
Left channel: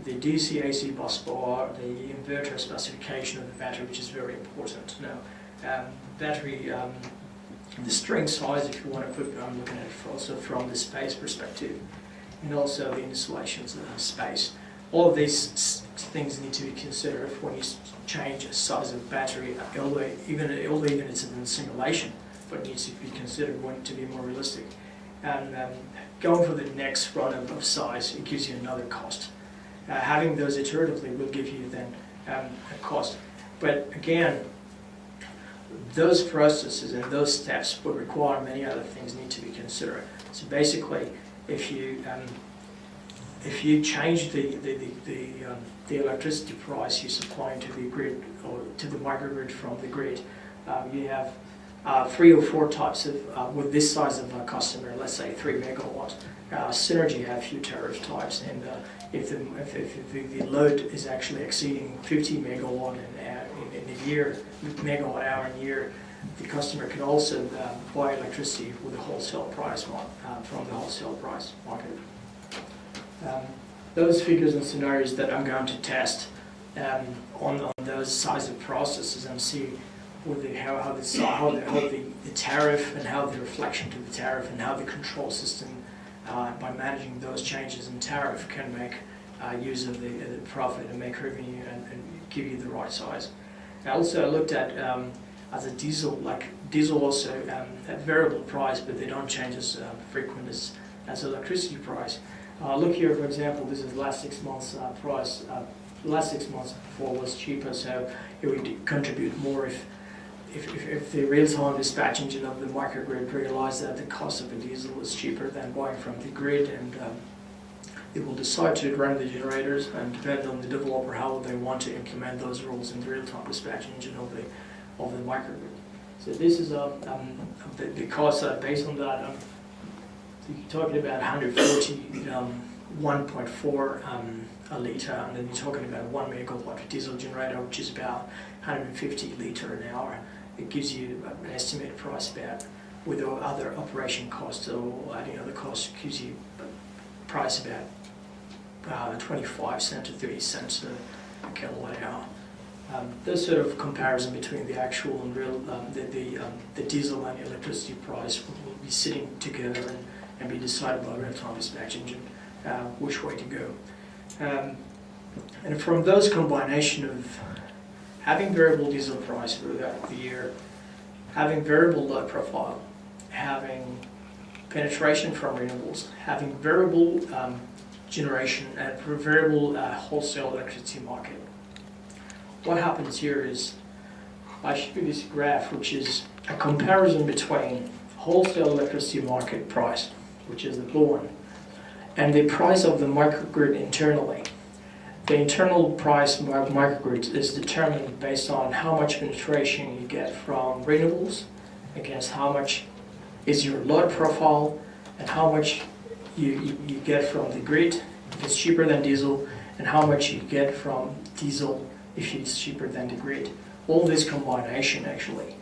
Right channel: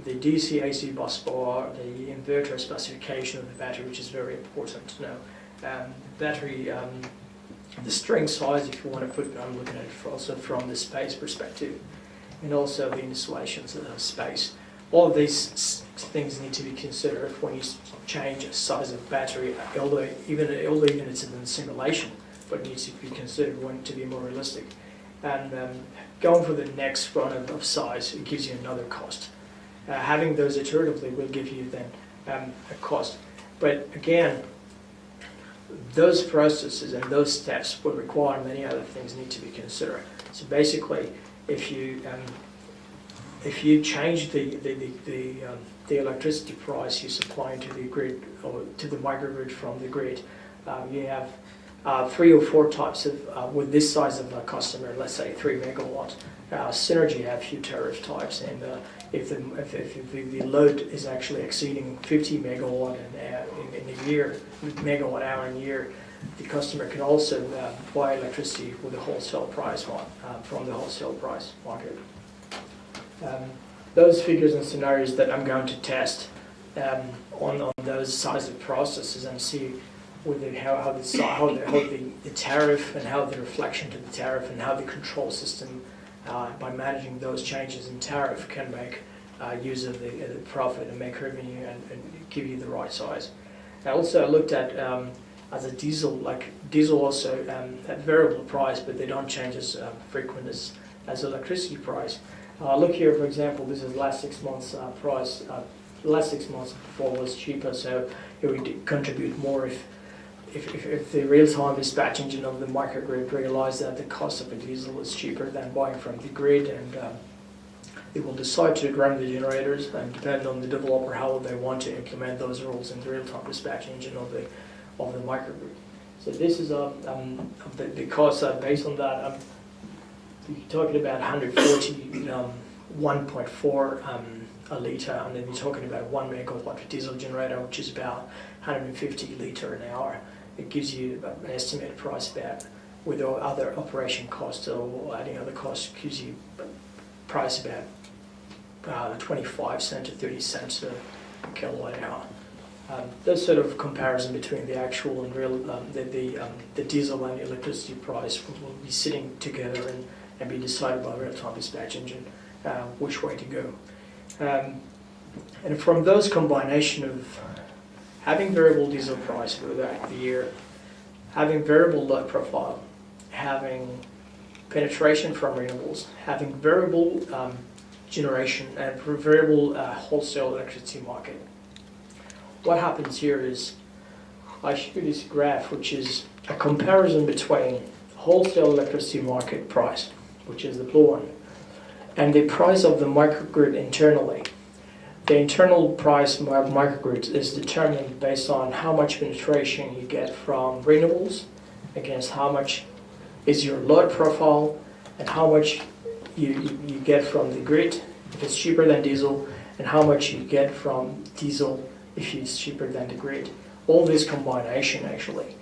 the DC-AC bus bar, the inverter specification of the battery, which is very important to know. Battery, the string size, if you want to put, I'm looking at it also from the space perspective, and also the installations space. All of these things need to be considered when you change the size of the battery, although even it's in simulation, but it needs to be considered to be more realistic. And going for the next run of size, it gives you another cost. Having those iteratively will give you then a cost. But again, those processes and those steps will require many other things need to be considered. So basically, if you if you change the electricity price you're supplying to the grid or to the microgrid from the grid, you have 3 or 4 types of, with this size of a customer, let's say 3 megawatts. Synergy have few tariff types, and if the load is actually exceeding 50 megawatt in a year, megawatt hour in a year, the customer can also buy electricity with a wholesale price from the wholesale price market. Those figures and scenarios that I'm going to test on those size of processes and see with how the tariff and how the reflection to the tariff and how the control system by managing those changes in tariff can make use of the profit and make revenue and give you the right size. I also looked at as a diesel, like diesel also at variable price, but they don't change as frequent as electricity price. Look here, for example, this is last 6 months price. Last 6 months before was cheaper, so it would contribute more if the real-time dispatch engine of the microgrid realized that the cost of a diesel is cheaper than buying from the grid, and it will decide to run the generators, and depend on the developer how they want to implement those rules in the real-time dispatch engine of the microgrid. So this is the cost based on that. You're talking about 140, 1.4 a litre, and then you're talking about 1 megawatt diesel generator, which is about 150 litre an hour. It gives you an estimated price about, with other operation costs or adding other costs, gives you a price about 25 cents to 30 cents a kilowatt hour. Those sort of comparison between the actual and real, the diesel and the electricity price will be sitting together and be decided by real-time dispatch engine which way to go. And from those combination of having variable diesel price throughout the year, having variable load profile, having penetration from renewables, having variable generation and variable wholesale electricity market. What happens here is I show you this graph, which is a comparison between wholesale electricity market price, which is the blue one, and the price of the microgrid internally. The internal price of microgrids is determined based on how much penetration you get from renewables against how much is your load profile and how much you get from the grid if it's cheaper than diesel, and how much you get from diesel if it's cheaper than the grid. All this combination actually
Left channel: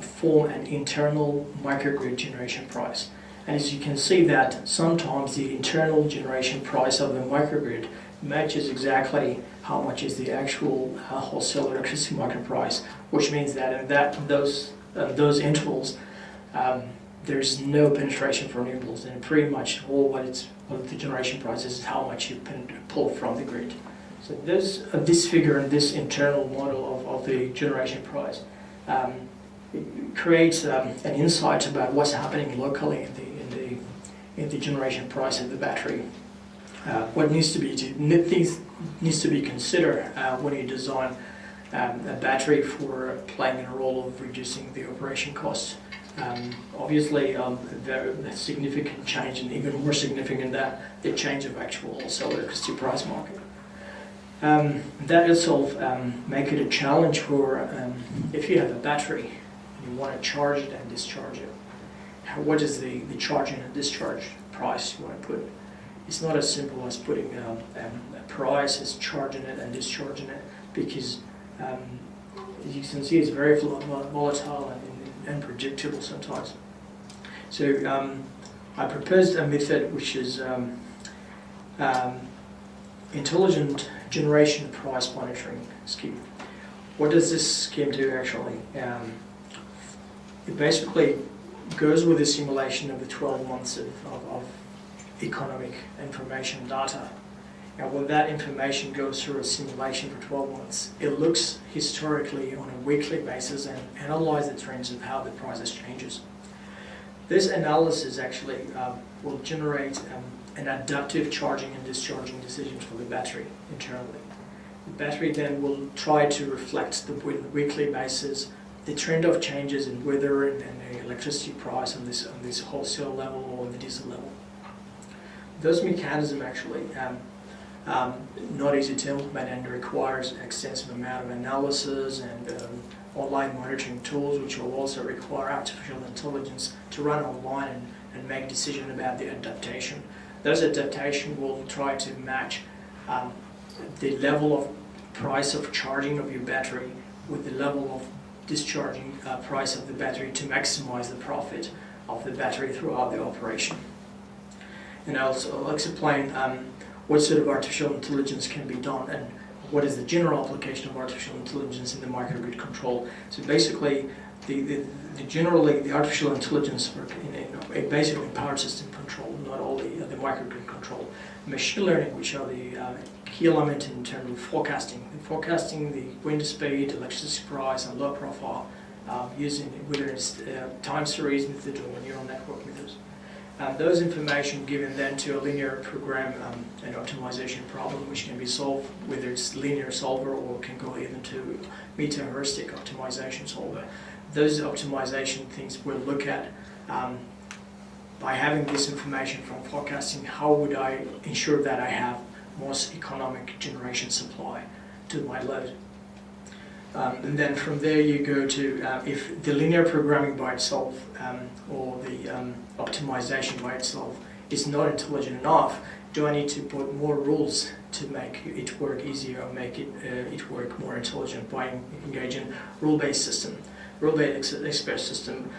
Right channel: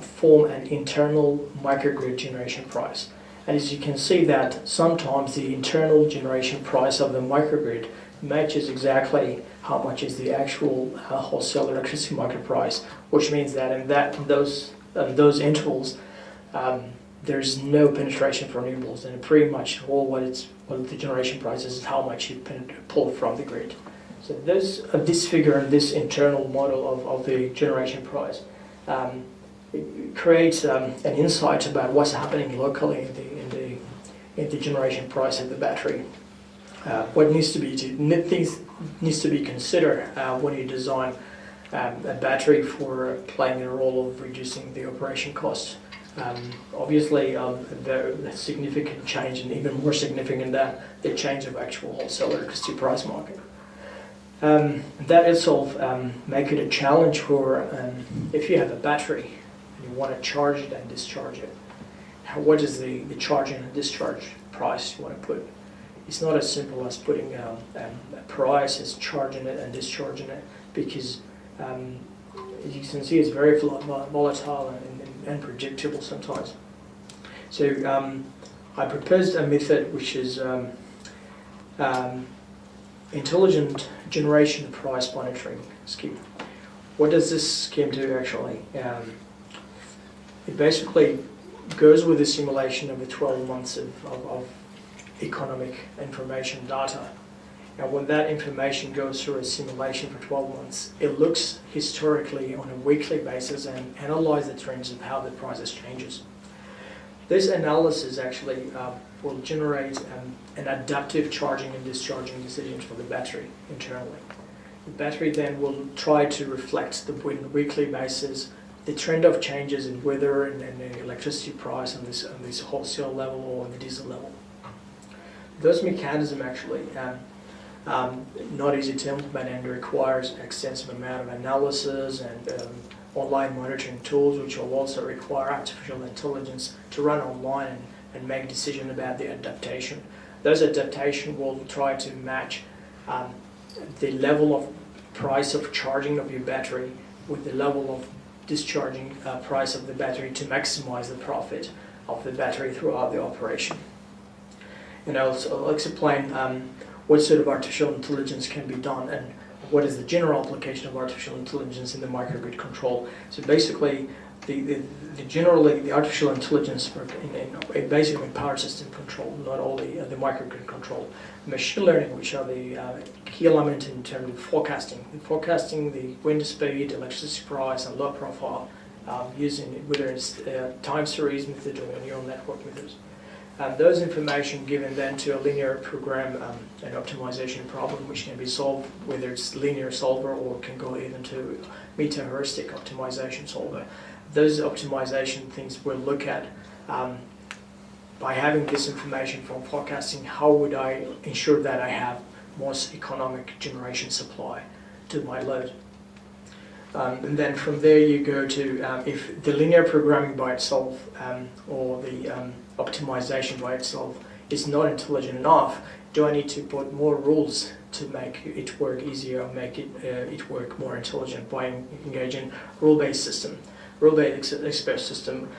form an internal microgrid generation price. And as you can see that sometimes the internal generation price of the microgrid matches exactly how much is the actual wholesale electricity market price, which means that in those intervals there's no penetration for renewables, and pretty much all what the generation price is how much you pull from the grid. So this figure and this internal model of the generation price it creates an insight about what's happening locally in the generation price of the battery. What needs to be considered when you design a battery for playing a role of reducing the operation costs. Obviously, the significant change, and even more significant than the change of actual wholesale electricity price market. That itself make it a challenge for if you have a battery and you want to charge it and discharge it. What is the charging and discharge price you want to put? It's not as simple as putting a price as charging it and discharging it, because as you can see, it's very volatile and unpredictable sometimes. So I proposed a method which is intelligent generation price monitoring scheme. What does this scheme do actually? It basically goes with a simulation of the 12 months of economic information data. And when that information goes through a simulation for 12 months, it looks historically on a weekly basis and analyzes the trends of how the prices changes. This analysis actually will generate an adaptive charging and discharging decision for the battery internally. The battery then will try to reflect the weekly basis the trend of changes in weather and the electricity price on this wholesale level or on the diesel level. those mechanisms actually not easy to implement and requires extensive amount of analysis and online monitoring tools, which will also require artificial intelligence to run online and make decisions about the adaptation. Those adaptations will try to match the level of price of charging of your battery with the level of discharging price of the battery to maximize the profit of the battery throughout the operation. And I'll explain what sort of artificial intelligence can be done and what is the general application of artificial intelligence in the microgrid control. So basically, the artificial intelligence work in basically power system control, not only the microgrid control. Machine learning, which are the key element in terms of forecasting the wind speed, electricity price, and load profile, using whether it's time series method or neural network methods. Those information given then to a linear program and optimization problem, which can be solved whether it's linear solver or can go even to meta-heuristic optimization solver. Those optimization things we'll look at by having this information from forecasting. How would I ensure that I have most economic generation supply to my load? And then from there you go to if the linear programming by itself or the optimization by itself is not intelligent enough, do I need to put more rules to make it work easier or make it work more intelligent by engaging rule-based system, rule-based expert system?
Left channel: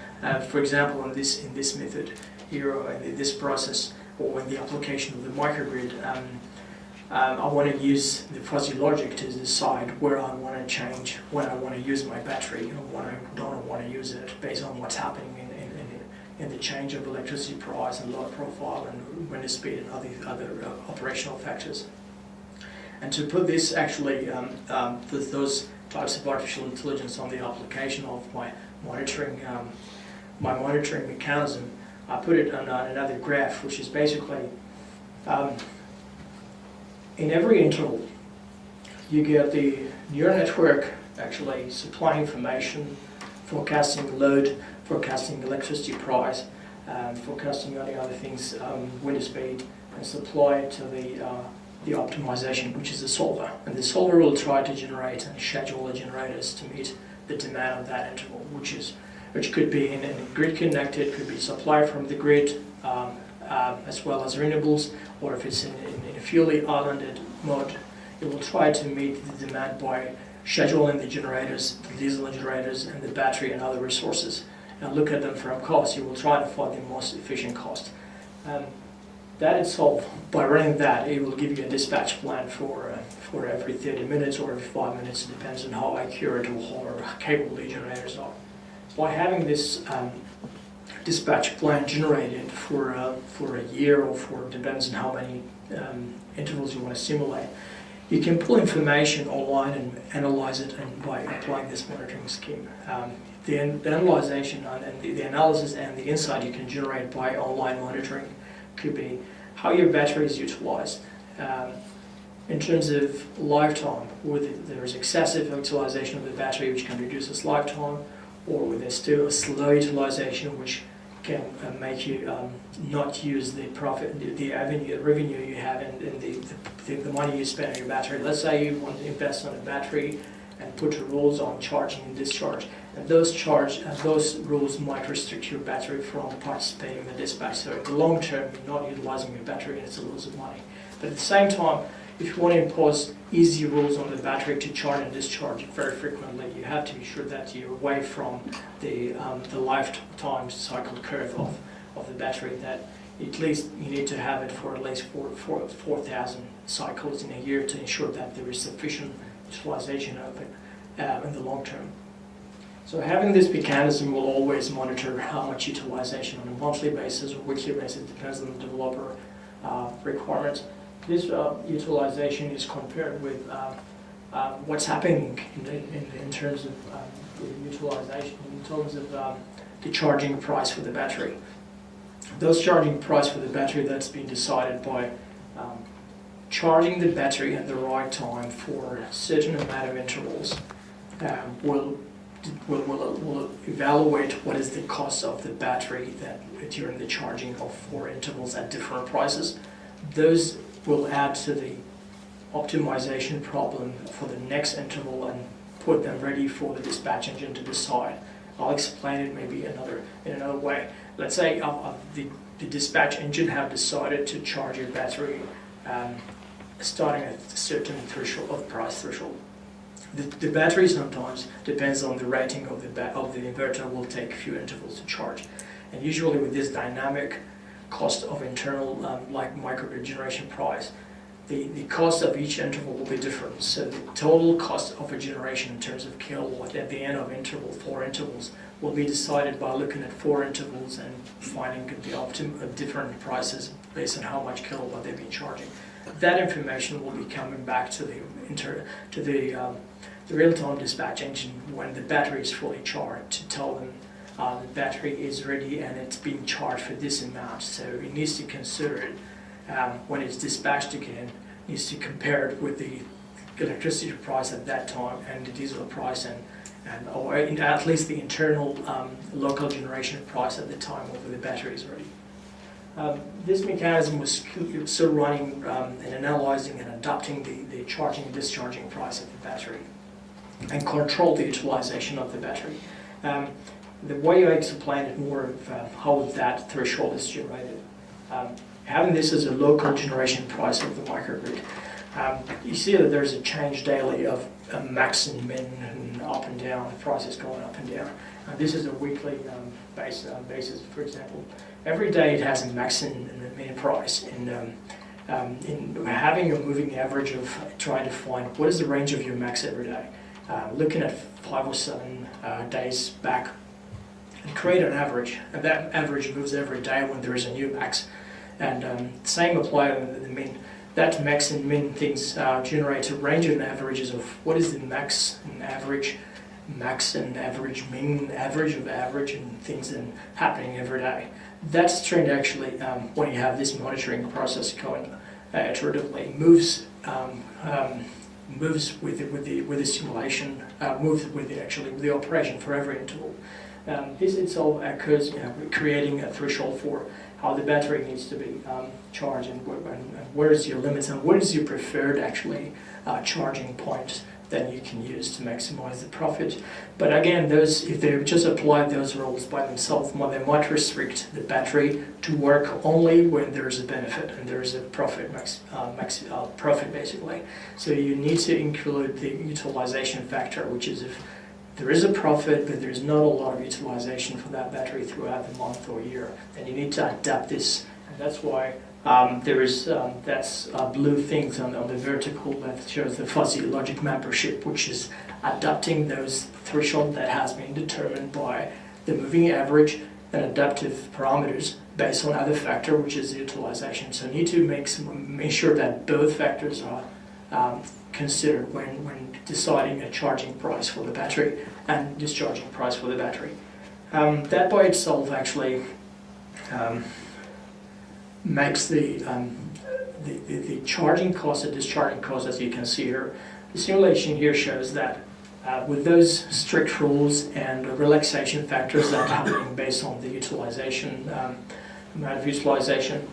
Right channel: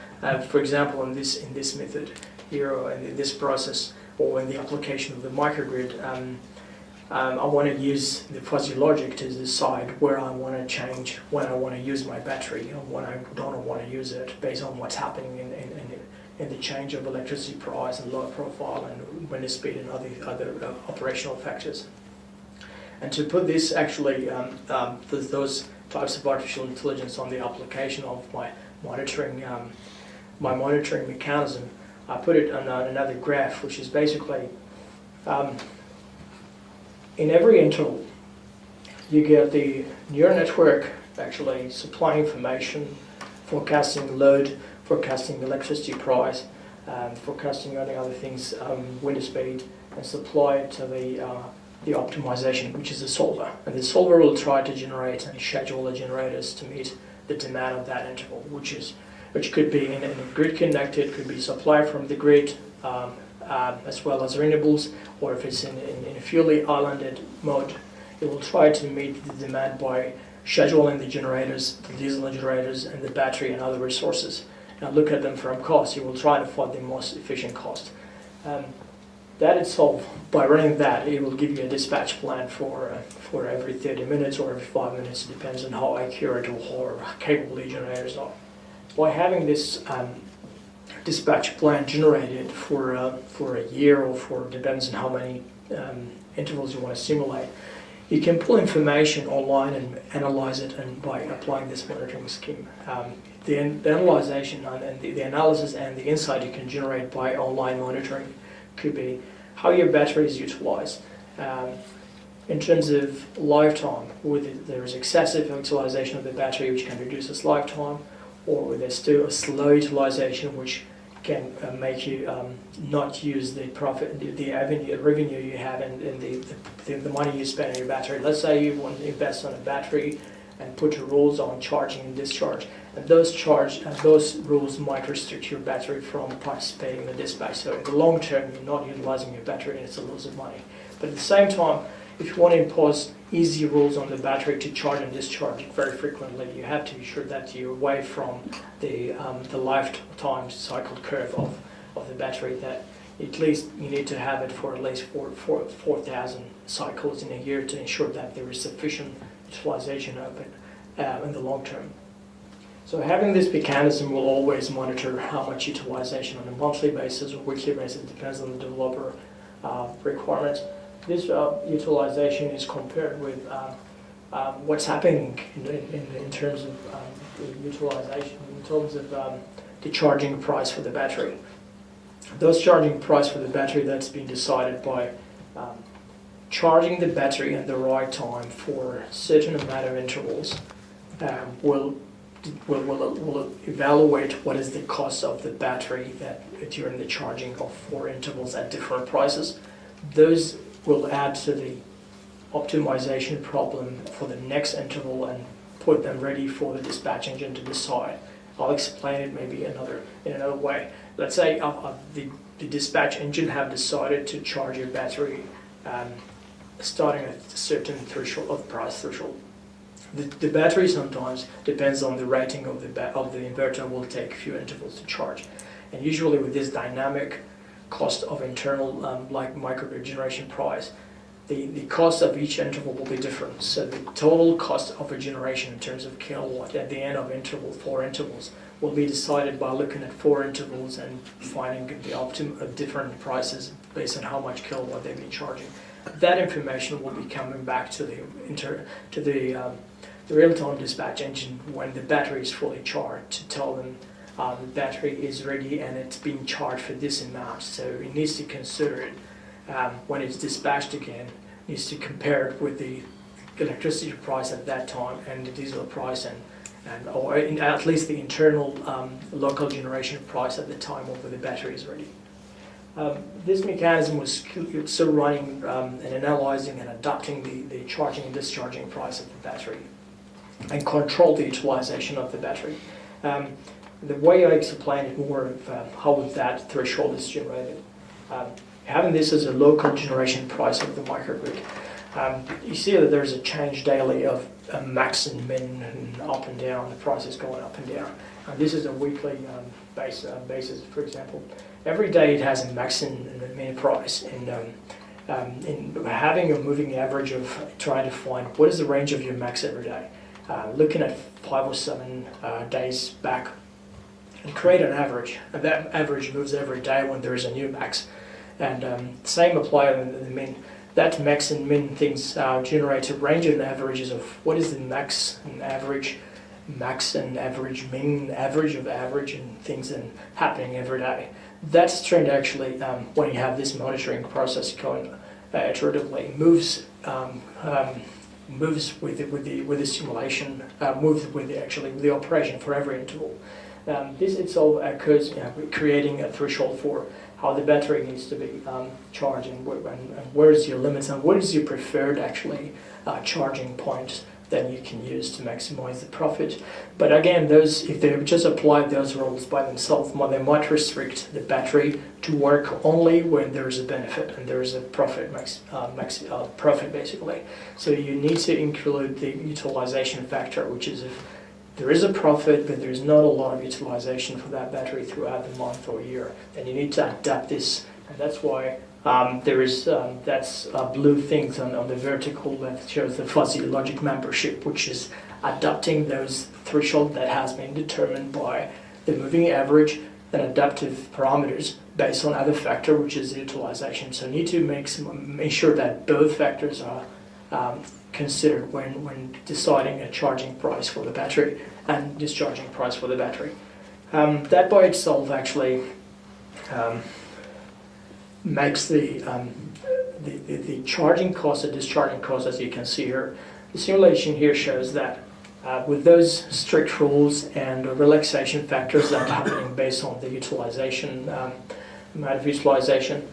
For example, in this method here, or in this process, or in the application of the microgrid, I want to use the fuzzy logic to decide where I want to change, when I want to use my battery, or when I don't want to use it, based on what's happening in the change of electricity price and load profile and wind speed and other operational factors. And to put this actually, those types of artificial intelligence on the application of my monitoring mechanism, I put it on another graph, which is basically in every interval, you get the neural network actually supplying information, forecasting load, forecasting electricity price, forecasting any other things, wind speed, and supply it to the optimization, which is the solver. And the solver will try to generate and schedule the generators to meet the demand of that interval, which could be in a grid connected, could be supply from the grid, as well as renewables, or if it's in a fully islanded mode, it will try to meet the demand by scheduling the generators, the diesel generators, and the battery and other resources. Now look at them from cost. You will try to find the most efficient cost. That itself, by running that, it will give you a dispatch plan for every 30 minutes or every 5 minutes. It depends on how accurate or how capable the generators are. By having this dispatch plan generated for a year or depends on how many intervals you want to simulate, you can pull information online and analyze it, and by applying this monitoring scheme. The analysis and the insight you can generate by online monitoring could be how your battery is utilized. In terms of lifetime, whether there is excessive utilization of the battery, which can reduce its lifetime, or there's still a slow utilization, which can make you not use the profit, the revenue you have, and the money you spend on your battery. Let's say you want to invest on a battery and put rules on charging and discharge, and those rules might restrict your battery from participating in the dispatch. So in the long term, you're not utilizing your battery, and it's a loss of money. But at the same time, if you want to impose easy rules on the battery to charge and discharge very frequently, you have to be sure that you're away from the lifetime cycle curve of the battery, that at least you need to have it for at least 4,000 cycles in a year to ensure that there is sufficient utilization of it in the long term. So having this mechanism will always monitor how much utilization on a monthly basis or weekly basis, depends on the developer requirements. This utilization is compared with what's happening in terms of the utilization, in terms of the charging price for the battery. Those charging price for the battery, that's been decided by charging the battery at the right time for a certain amount of intervals. Will evaluate what is the cost of the battery that during the charging of 4 intervals at different prices. those will add to the optimization problem for the next interval and put them ready for the dispatch engine to decide. I'll explain it maybe in another way. Let's say the dispatch engine have decided to charge your battery starting at a certain threshold of price threshold. The battery sometimes depends on the rating of the inverter, will take a few intervals to charge. And usually with this dynamic cost of internal like microgrid generation price, the cost of each interval will be different. So the total cost of a generation in terms of kilowatt at the end of 4 intervals will be decided by looking at 4 intervals and finding the different prices based on how much kilowatt they've been charging. That information will be coming back to the real-time dispatch engine when the battery is fully charged to tell them the battery is ready and it's being charged for this amount. So it needs to consider it when it's dispatched again, needs to compare it with the electricity price at that time and the diesel price or at least the internal local generation price at the time of the battery is ready. This mechanism was still running and analyzing and adapting the charging and discharging price of the battery and control the utilization of the battery. The way I explain it more of how that threshold is generated. Having this as a local generation price of the microgrid, you see that there's a change daily of max and min and up and down, the price is going up and down. This is a weekly basis, for example. Every day it has a max and a min price, and in having a moving average of trying to find what is the range of your max every day, looking at 5 or 7 days back and create an average, and that average moves every day when there is a new max. And same apply to the min. That max and min things generate a range of averages of what is the max and average min, average of average, and things and happening every day. That's trend actually when you have this monitoring process going iteratively moves with the simulation, moves with the operation for every interval. This itself occurs creating a threshold for how the battery needs to be charged and where is your limits and what is your preferred charging point that you can use to maximize the profit. But again, if they just apply those rules by themselves, they might restrict the battery to work only when there is a benefit and there is a profit, profit basically. So you need to include the utilization factor, which is if there is a profit, but there's not a lot of utilization for that battery throughout the month or year, then you need to adapt this. And that's why there is that's blue things on the vertical that shows the fuzzy logic membership, which is adapting those threshold that has been determined by the moving average and adaptive parameters based on other factor, which is the utilization. So you need to make sure that both factors are considered when deciding a charging price for the battery and discharging price for the battery. That by itself actually makes the charging cost and discharging cost, as you can see here. The simulation here shows that with those strict rules and relaxation factors that are happening based on the utilization, amount of utilization,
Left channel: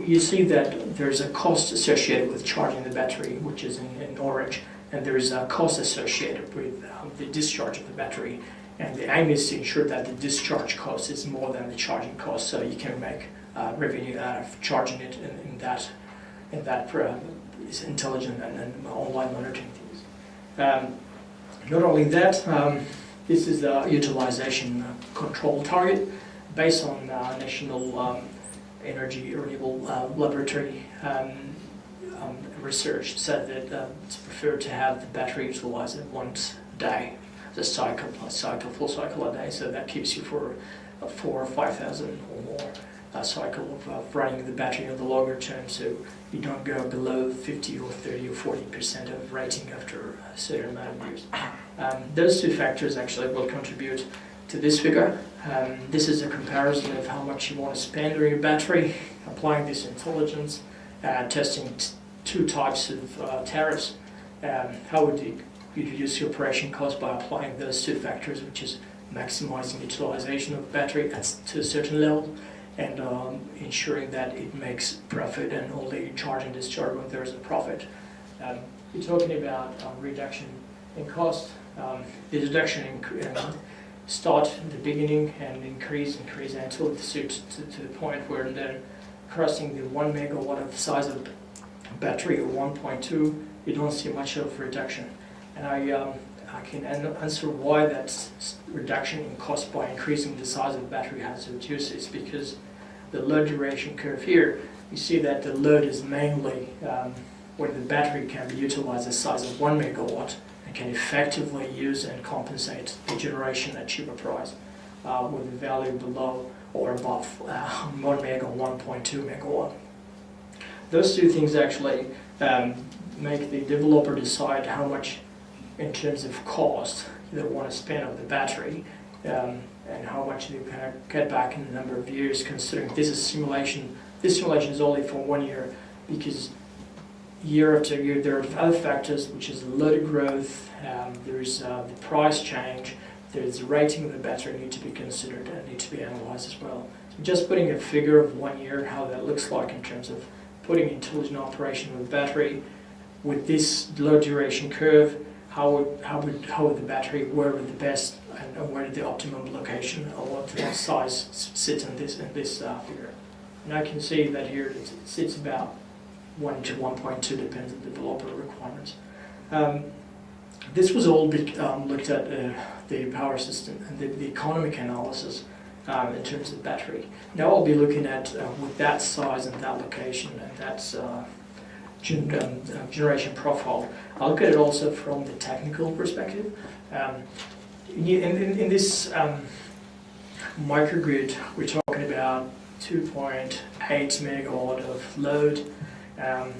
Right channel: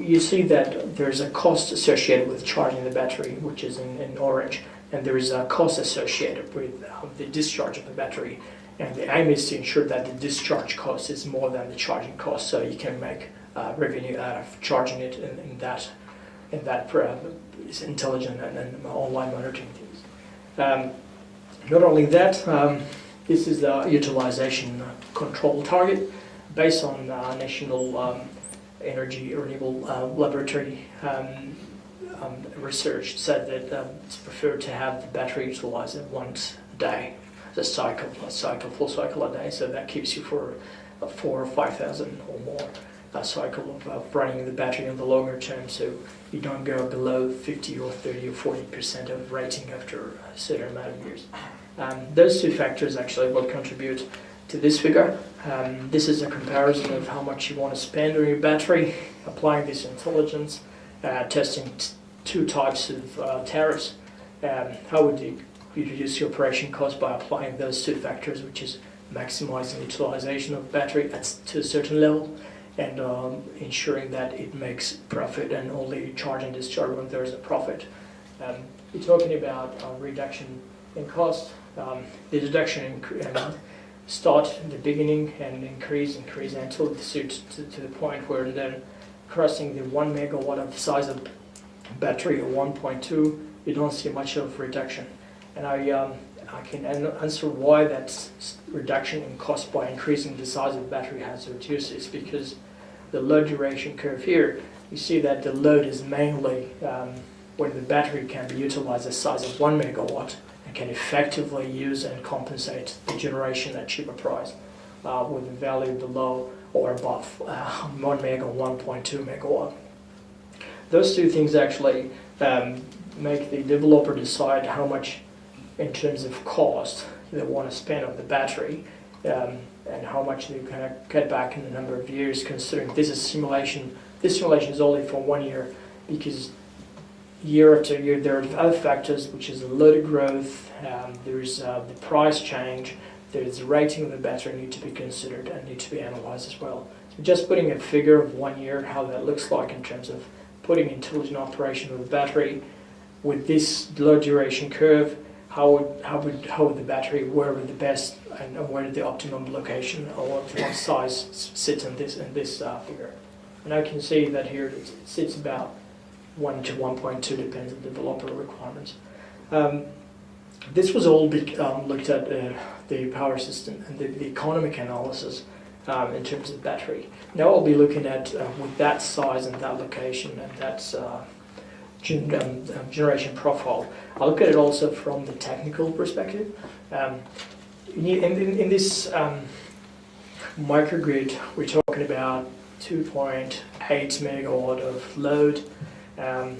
you see that there's a cost associated with charging the battery, which is in orange, and there is a cost associated with the discharge of the battery. And the aim is to ensure that the discharge cost is more than the charging cost, so you can make revenue out of charging it in that is intelligent and online monitoring things. Not only that, this is the utilization control target based on National Energy Renewable Laboratory research said that it's preferred to have the battery utilized once a day, full cycle a day, so that keeps you for 4,000 or 5,000 or more cycle of running the battery on the longer term, so you don't go below 50 or 30 or 40% of rating after a certain amount of years. Those two factors actually will contribute to this figure. This is a comparison of how much you want to spend on your battery, applying this intelligence, testing two types of tariffs. How would you reduce your operation cost by applying those two factors, which is maximizing utilization of the battery to a certain level and ensuring that it makes profit and only charge and discharge when there's a profit. We're talking about reduction in cost. The reduction in start in the beginning and increase until it suits to the point where then crossing the 1 megawatt of the size of battery or 1.2, you don't see much of reduction. And I can answer why that reduction in cost by increasing the size of the battery has reduced. It's because the load duration curve here, you see that the load is mainly when the battery can be utilized the size of 1 megawatt and can effectively use and compensate the generation at cheaper price with the value below or above 1 mega, 1.2 megawatt. Those two things actually make the developer decide how much in terms of cost they want to spend on the battery and how much they can cut back in the number of years, considering this is simulation. This simulation is only for 1 year, because year after year there are other factors, which is the load growth, there's the price change, there's the rating of the battery need to be considered and need to be analyzed as well. So just putting a figure of 1 year, how that looks like in terms of putting intelligent operation of the battery with this load duration curve, how would the battery, where would the best and where did the optimum location or what size sit in this figure. And I can see that here it sits about 1 to 1.2, depends on the developer requirements. This was all looked at the power system and the economic analysis in terms of battery. Now I'll be looking at with that size and that location and that generation profile. I'll look at it also from the technical perspective. In this microgrid, we're talking about 2.8 megawatt of load,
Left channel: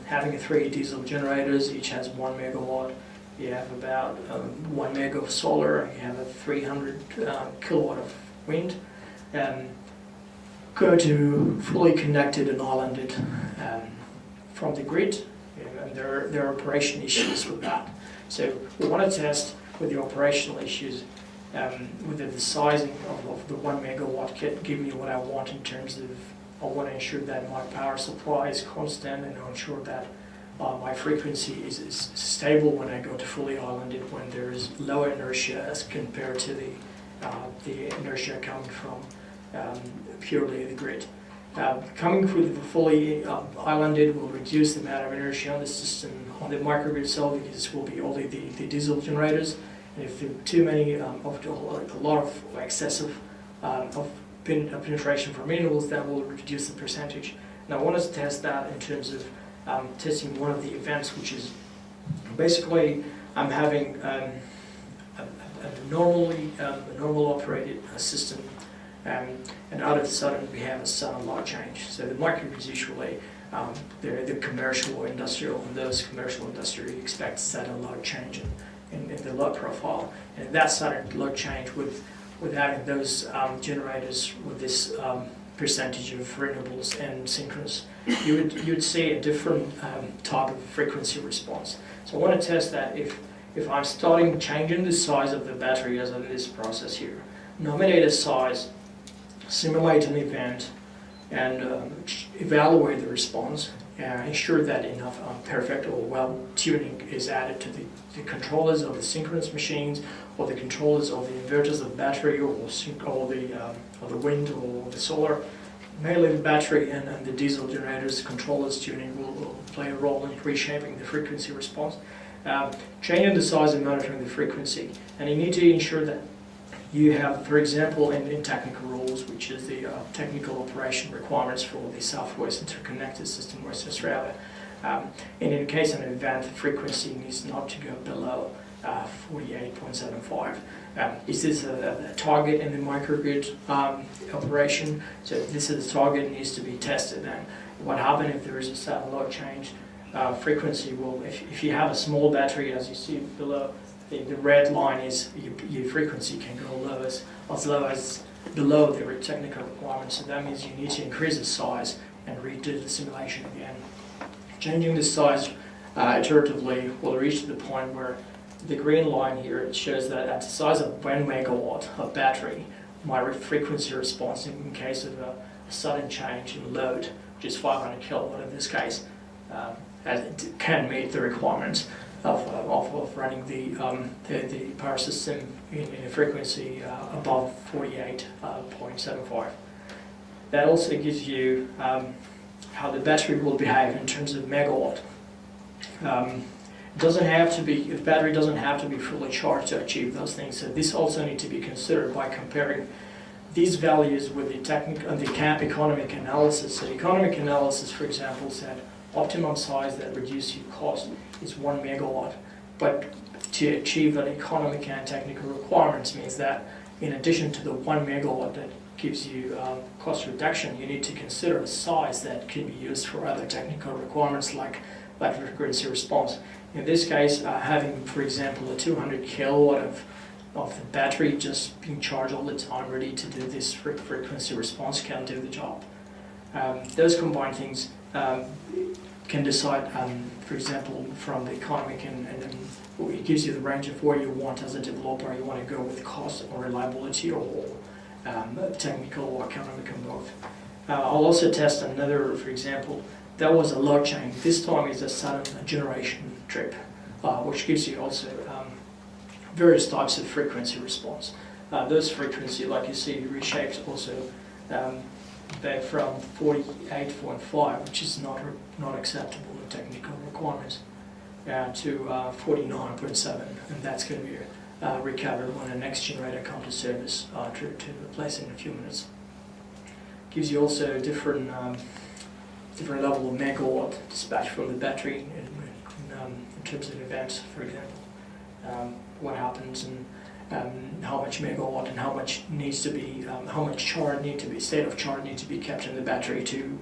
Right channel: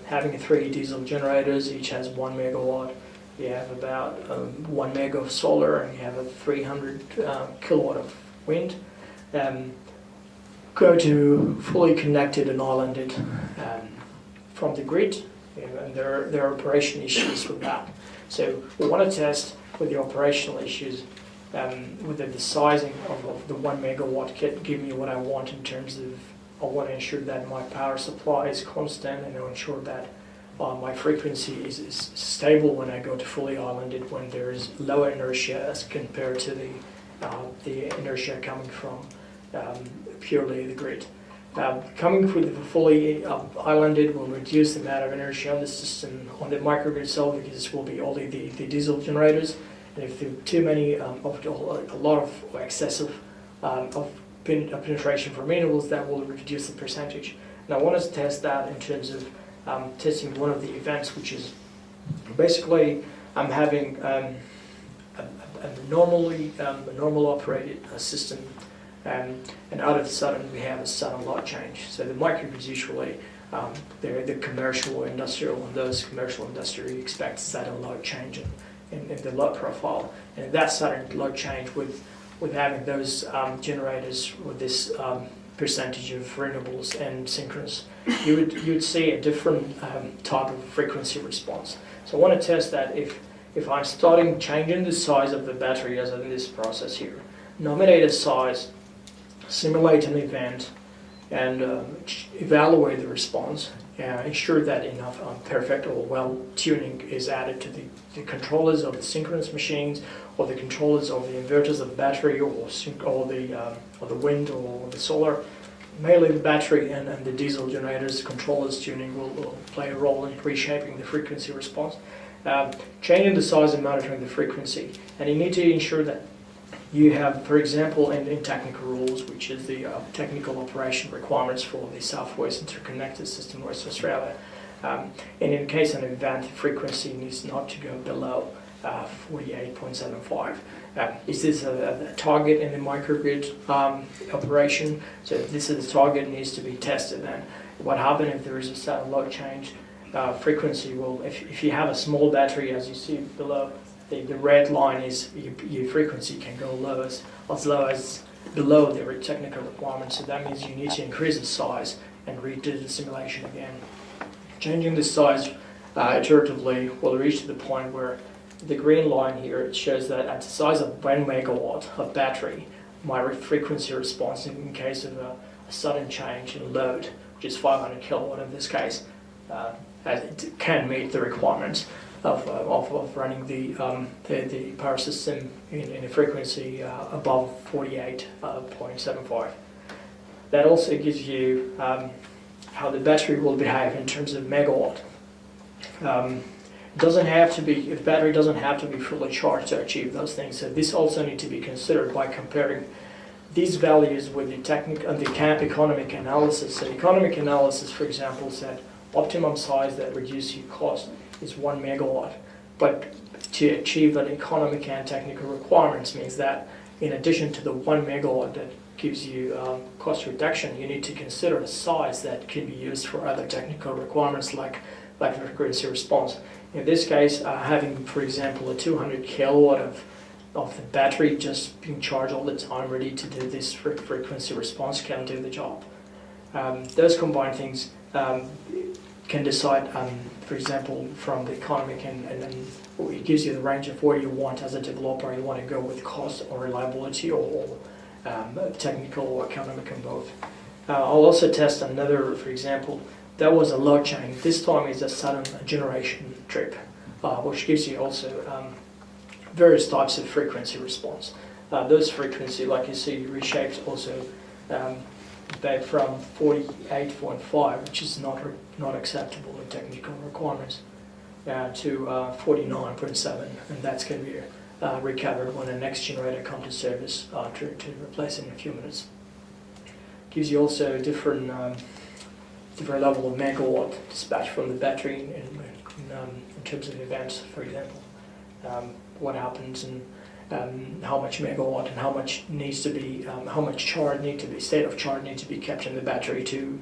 having 3 diesel generators, each has 1 megawatt. You have about 1 mega of solar, and you have a 300 kilowatt of wind. Go to fully connected and islanded from the grid, and there are operation issues with that. So we want to test with the operational issues whether the sizing of the 1 megawatt can give me what I want in terms of I want to ensure that my power supply is constant and I ensure that my frequency is stable when I go to fully islanded, when there is lower inertia as compared to the inertia coming from purely the grid. Coming with the fully islanded will reduce the amount of inertia on the system, on the microgrid itself, because it will be only the diesel generators. And if there are too many, a lot of excessive penetration from renewables, that will reduce the percentage. And I want us to test that in terms of testing one of the events, which is basically I'm having a normal operated system, and out of the sudden we have a sudden load change. So the microgrids usually, the commercial or industrial, and those commercial industry expect sudden load change in the load profile. And that sudden load change with having those generators with this percentage of renewables and synchronous, you would see a different type of frequency response. So I want to test that if I'm starting changing the size of the battery as in this process here, nominate a size, simulate an event, and evaluate the response, ensure that enough perfect or well tuning is added to the controllers of the synchronous machines, or the controllers of the inverters of the battery, or the wind or the solar. Mainly the battery and the diesel generators, controllers tuning will play a role in reshaping the frequency response. Changing the size and monitoring the frequency. And you need to ensure that you have, for example, in technical rules, which is the technical operation requirements for the Southwest Interconnected System, West Australia. And in case of an event, the frequency needs not to go below 48.75. Is this a target in the microgrid operation? So this is the target, needs to be tested. And what happens if there is a sudden load change? Frequency will, if you have a small battery, as you see below, the red line is your frequency can go as low as below the technical requirements. So that means you need to increase the size and redo the simulation again. Changing the size iteratively will reach the point where the green line here, it shows that at the size of 1 megawatt of battery, my frequency response in case of a sudden change in load, which is 500 kilowatt in this case, as it can meet the requirements of running the power system in a frequency above 48.75. That also gives you how the battery will behave in terms of megawatt. The battery doesn't have to be fully charged to achieve those things. So this also needs to be considered by comparing these values with the economic analysis. So economic analysis, for example, said optimum size that reduces your cost is 1 megawatt. But to achieve an economic and technical requirements means that in addition to the 1 megawatt that gives you cost reduction, you need to consider a size that can be used for other technical requirements like frequency response. In this case, having, for example, a 200 kilowatt of the battery just being charged all the time, ready to do this frequency response can do the job. Those combined things can decide, for example, from the economic and it gives you the range of where you want as a developer. You want to go with cost or reliability or technical or economic and both. I'll also test another, for example, that was a load chain. This time is a sudden generation trip, which gives you also various types of frequency response. Those frequency, like you see, reshaped also back from 48.5, which is not acceptable in technical requirements, to 49.7, and that's going to be recovered when the next generator comes to service to replace it in a few minutes. Gives you also different level of megawatt dispatch from the battery in terms of events, for example. What happens and how much megawatt and how much needs to be, how much charge need to be, state of charge need to be kept in the battery to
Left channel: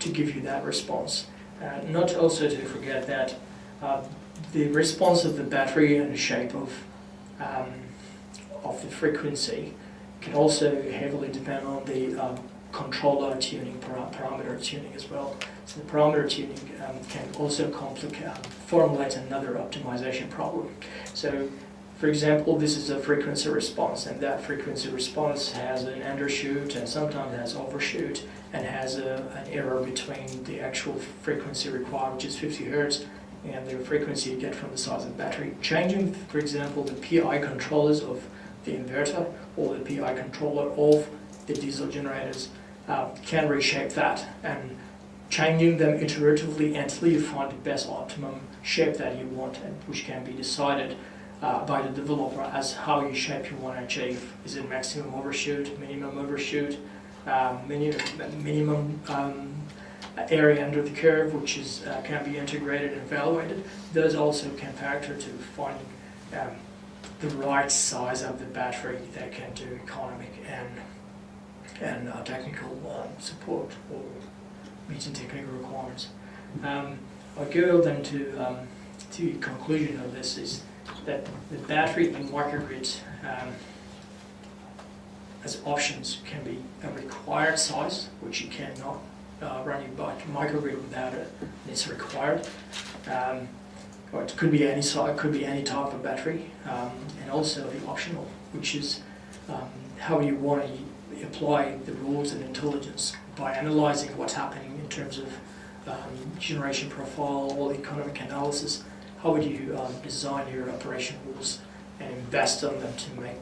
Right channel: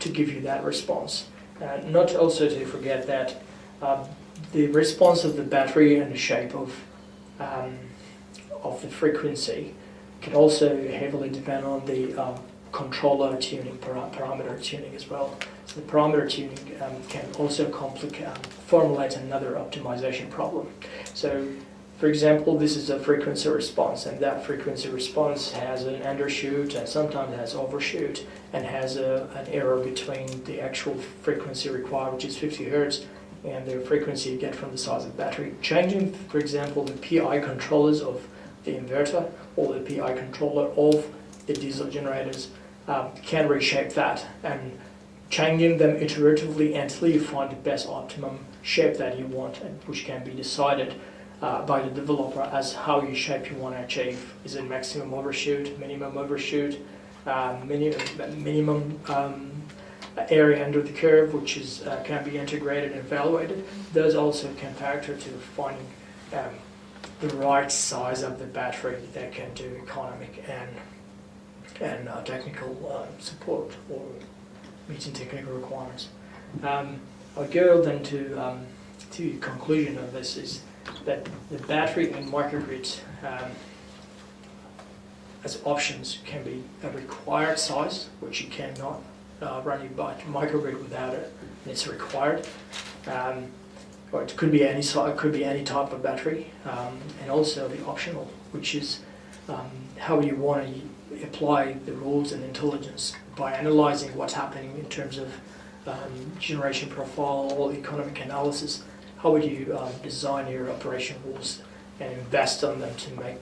give you that response. Not also to forget that the response of the battery and the shape of the frequency can also heavily depend on the controller tuning, parameter tuning as well. So the parameter tuning can also formulate another optimization problem. So, for example, this is a frequency response, and that frequency response has an undershoot and sometimes has overshoot, and has an error between the actual frequency required, which is 50 hertz, and the frequency you get from the size of the battery. Changing, for example, the PI controllers of the inverter or the PI controller of the diesel generators can reshape that, and changing them iteratively until you find the best optimum shape that you want, and which can be decided by the developer as how you shape you want to achieve. Is it maximum overshoot, minimum overshoot, minimum area under the curve, which is can be integrated and evaluated. Those also can factor to finding the right size of the battery that can do economic and technical support or meeting technical requirements. I'll go then to the conclusion of this is that the battery in microgrids as options can be a required size, which you cannot run your microgrid without it. It's required. Or it could be any size, it could be any type of battery, and also the optional, which is how you want to apply the rules and intelligence by analyzing what's happening in terms of generation profile or economic analysis. How would you design your operation rules and invest on them to make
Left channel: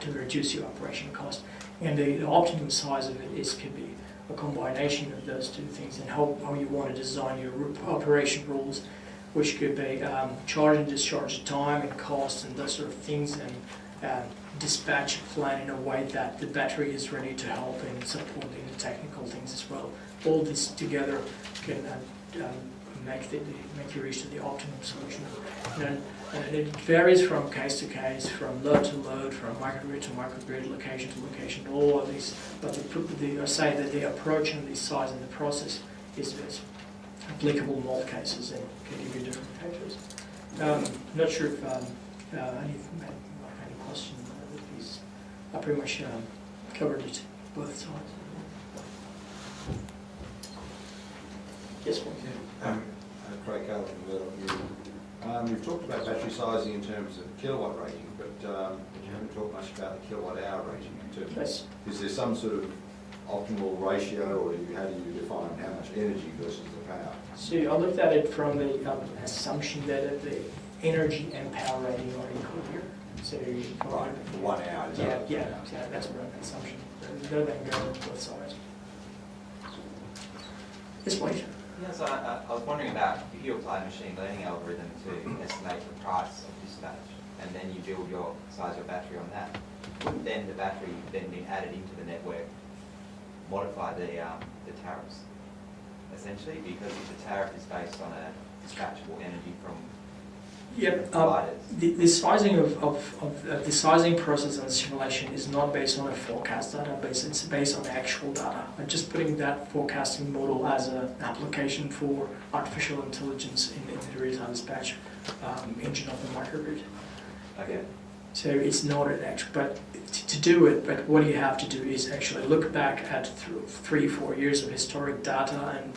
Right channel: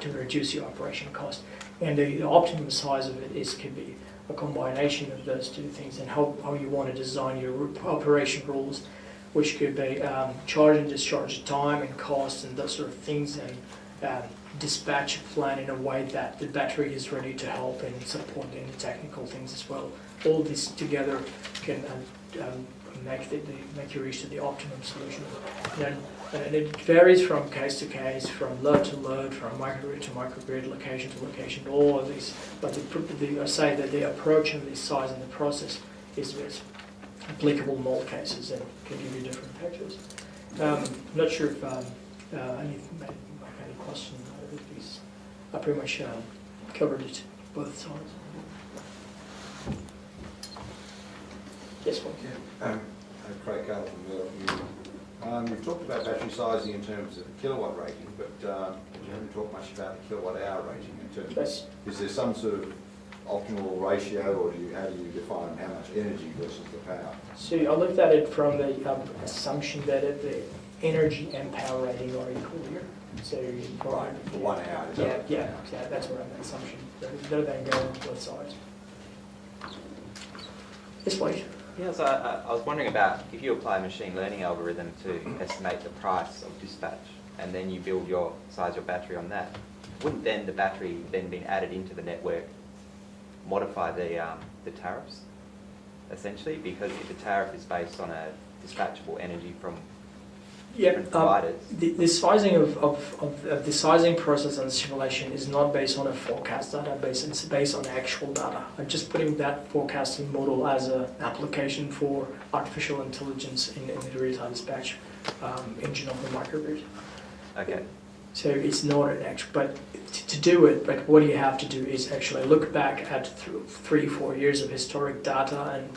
to reduce your operation cost? And the optimum size of it could be a combination of those two things, and how you want to design your operation rules, which could be charge and discharge time and cost and those sort of things, and dispatch plan in a way that the battery is ready to help and support in the technical things as well. All this together can make you reach to the optimum solution. And it varies from case to case, from load to load, from microgrid to microgrid, location to location, all of these. But I say that the approach and the size and the process is applicable in all cases and can give you different factors. Not sure if any question. I pretty much covered it both sides. Yes, one. Yeah. Craig Callum from Murdoch. You've talked about battery sizing in terms of kilowatt rating, but you haven't talked much about the kilowatt hour rating in terms of, is there some sort of optimal ratio, or how do you define how much energy versus the power? So I looked at it from the assumption that the energy and power rating are equal here. So Right, for 1 hour. Is that right? yeah, that's what I'm assumption. Rather than go on both sides. Yes, please. Yeah, so I was wondering about if you apply a machine learning algorithm to estimate the price of dispatch, and then you build your size your battery on that, wouldn't then the battery then be added into the network modify the tariffs, essentially? Because if the tariff is based on a dispatchable energy from providers. The sizing of the sizing process and simulation is not based on a forecast database, it's based on actual data. I'm just putting that forecasting model as an application for artificial intelligence in the real-time dispatch engine of the microgrid. Okay. So it's not an actual, but to do it, but what you have to do is actually look back at 3-4 years of historic data, and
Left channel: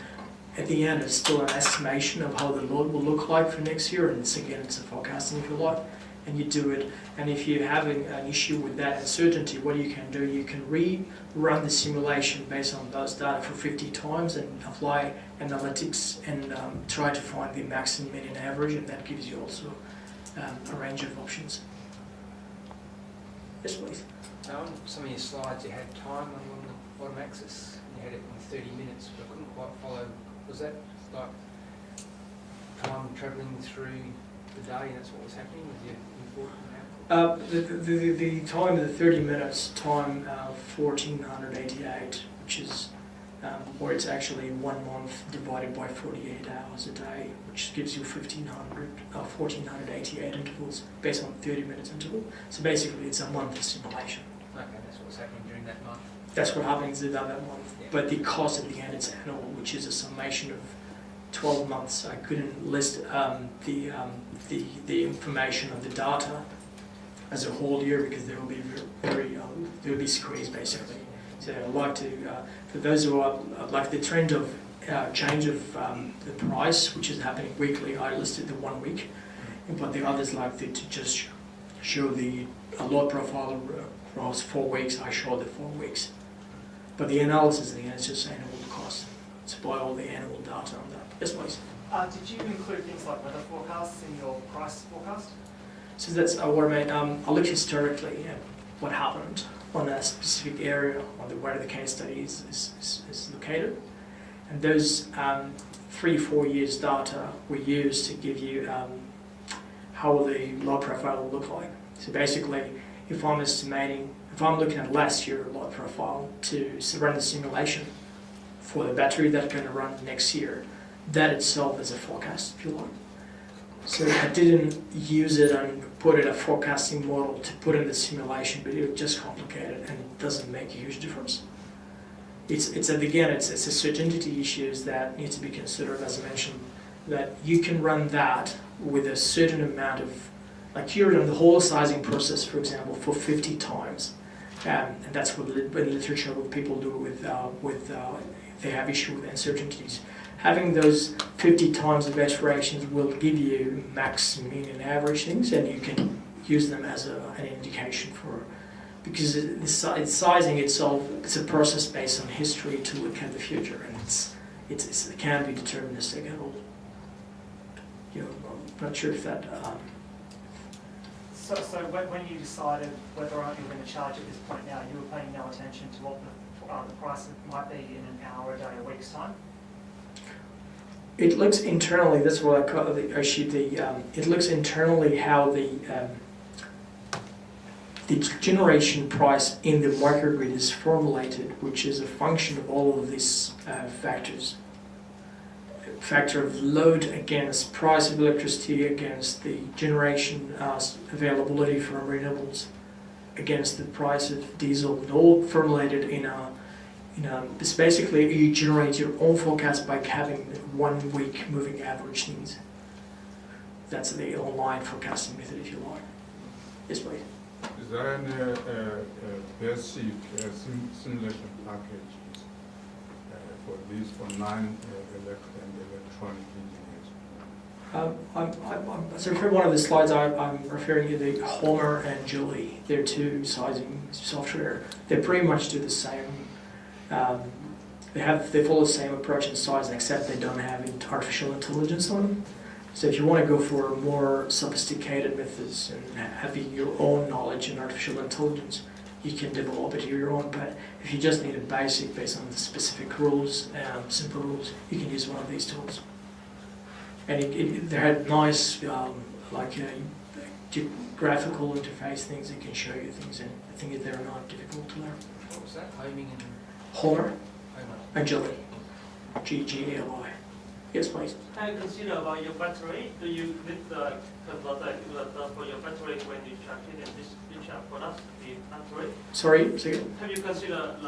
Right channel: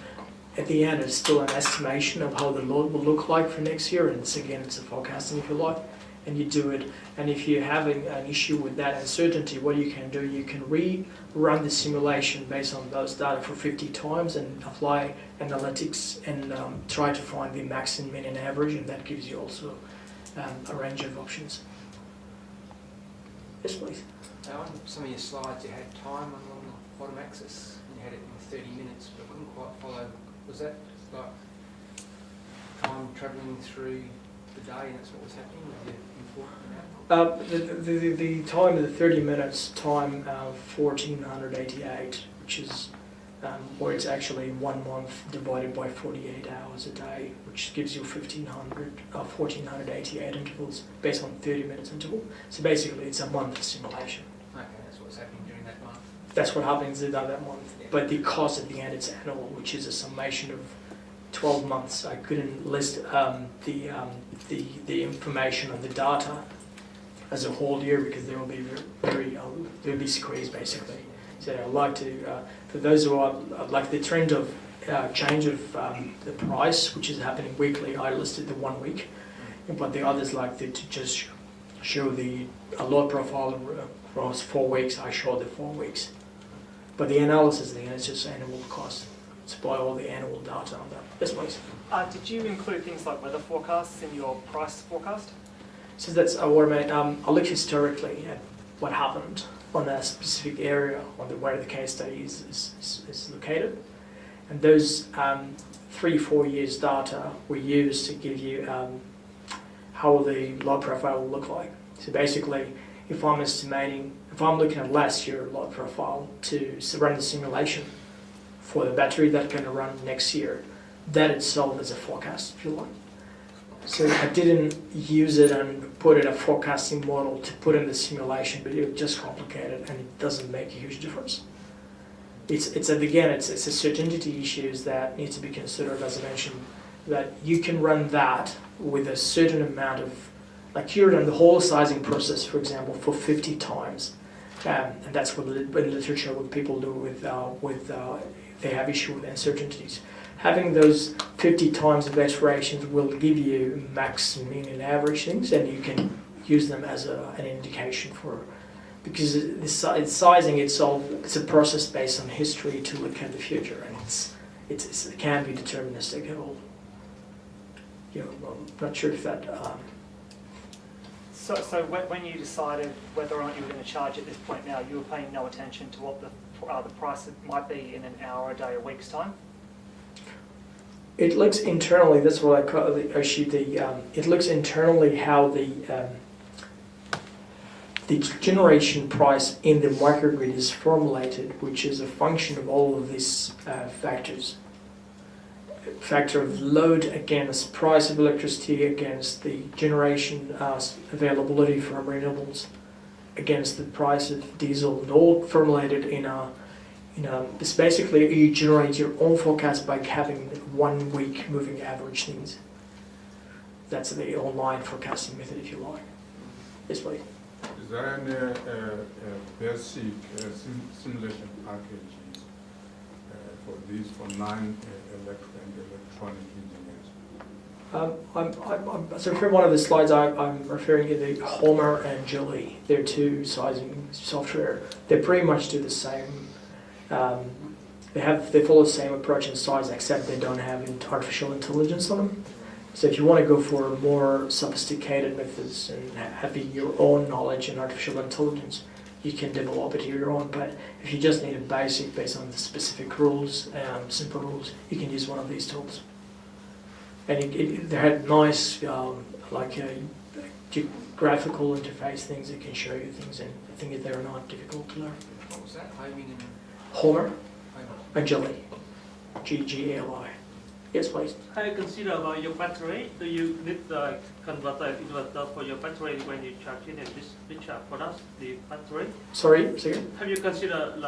at the end it's still an estimation of how the load will look like for next year, and it's a forecasting if you like, and you do it. And if you're having an issue with that uncertainty, what you can do, you can rerun the simulation based on those data for 50 times and apply analytics and try to find the maximum, mean and average, and that gives you also a range of options. Yes, please. On some of your slides you had time along the bottom axis, and you had it in 30 minutes, but I couldn't quite follow. Was that like time travelling through the day, and that's what was happening with your input and output? The time of the 30 minutes, time 1488, which is where it's actually 1 month divided by 48 hours a day, which gives you 1488 intervals based on 30 minutes interval. So basically it's a month simulation. Okay, that's what's happening during that month. That's what happens in that month. Yeah. But the cost at the end, it's annual, which is a summation of 12 months. I couldn't list the information of the data as a whole year because there will be there will be squeezed basically. So I'd like to, for those who are like the trend of change of the price, which is happening weekly, I listed the 1 week, but the others like to just show the load profile across 4 weeks. I show the 4 weeks, but the analysis at the end is just annual cost. Supply all the annual data on that. Yes, please. Did you include things like weather forecasts in your price forecast? So that's what I mean. I look historically at what happened on a specific area on where the case study is located. And those 3-4 years data we use to give you how the load profile will look like. So basically, if I'm looking at last year load profile to run the simulation for the battery that's going to run next year, that itself is a forecast, if you like. So I didn't use it and put in a forecasting model to put in the simulation, but it was just complicated and it doesn't make a huge difference. It's a certainty issues that need to be considered, as I mentioned, that you can run that with a certain amount of, like you run the whole sizing process, for example, for 50 times. And that's what in literature what people do with if they have issue with uncertainties. Having those 50 times of iterations will give you max, mean, and average things, and you can use them as an indication for, because the sizing itself, it's a process based on history to look at the future, and it can be deterministic at all. I'm not sure if that. So when you decided whether or not you were going to charge at this point now, you were paying no attention to what the price might be in an hour, a day, a week's time? It looks internally, that's what I call it, it looks internally how the generation price in the microgrid is formulated, which is a function of all of these factors. Factor of load against price of electricity, against the generation availability from renewables, against the price of diesel, and all formulated in it's basically you generate your own forecast by having 1 week moving average things. That's the online forecasting method, if you like. Yes, please. Is there any basic simulation packages for these for non-electronic engineers? So for one of the slides, I'm referring to the Homer and Julie. They're two sizing software. They pretty much do the same They follow the same approach and size, except they don't have artificial intelligence on them. So if you want to go for more sophisticated methods and having your own knowledge and artificial intelligence, you can develop it your own. But if you just need a basic based on the specific rules, simple rules, you can use one of these tools. And they had nice, graphical interface things that can show you things, and I think that they're not difficult to learn. What was that? Homing and Homer Homer. and Jelly. GGLI. Yes, please. How you consider about your battery? Do you need the converter inverter for your battery when you charge it and discharge products, the battery? Sorry, second. Have you considered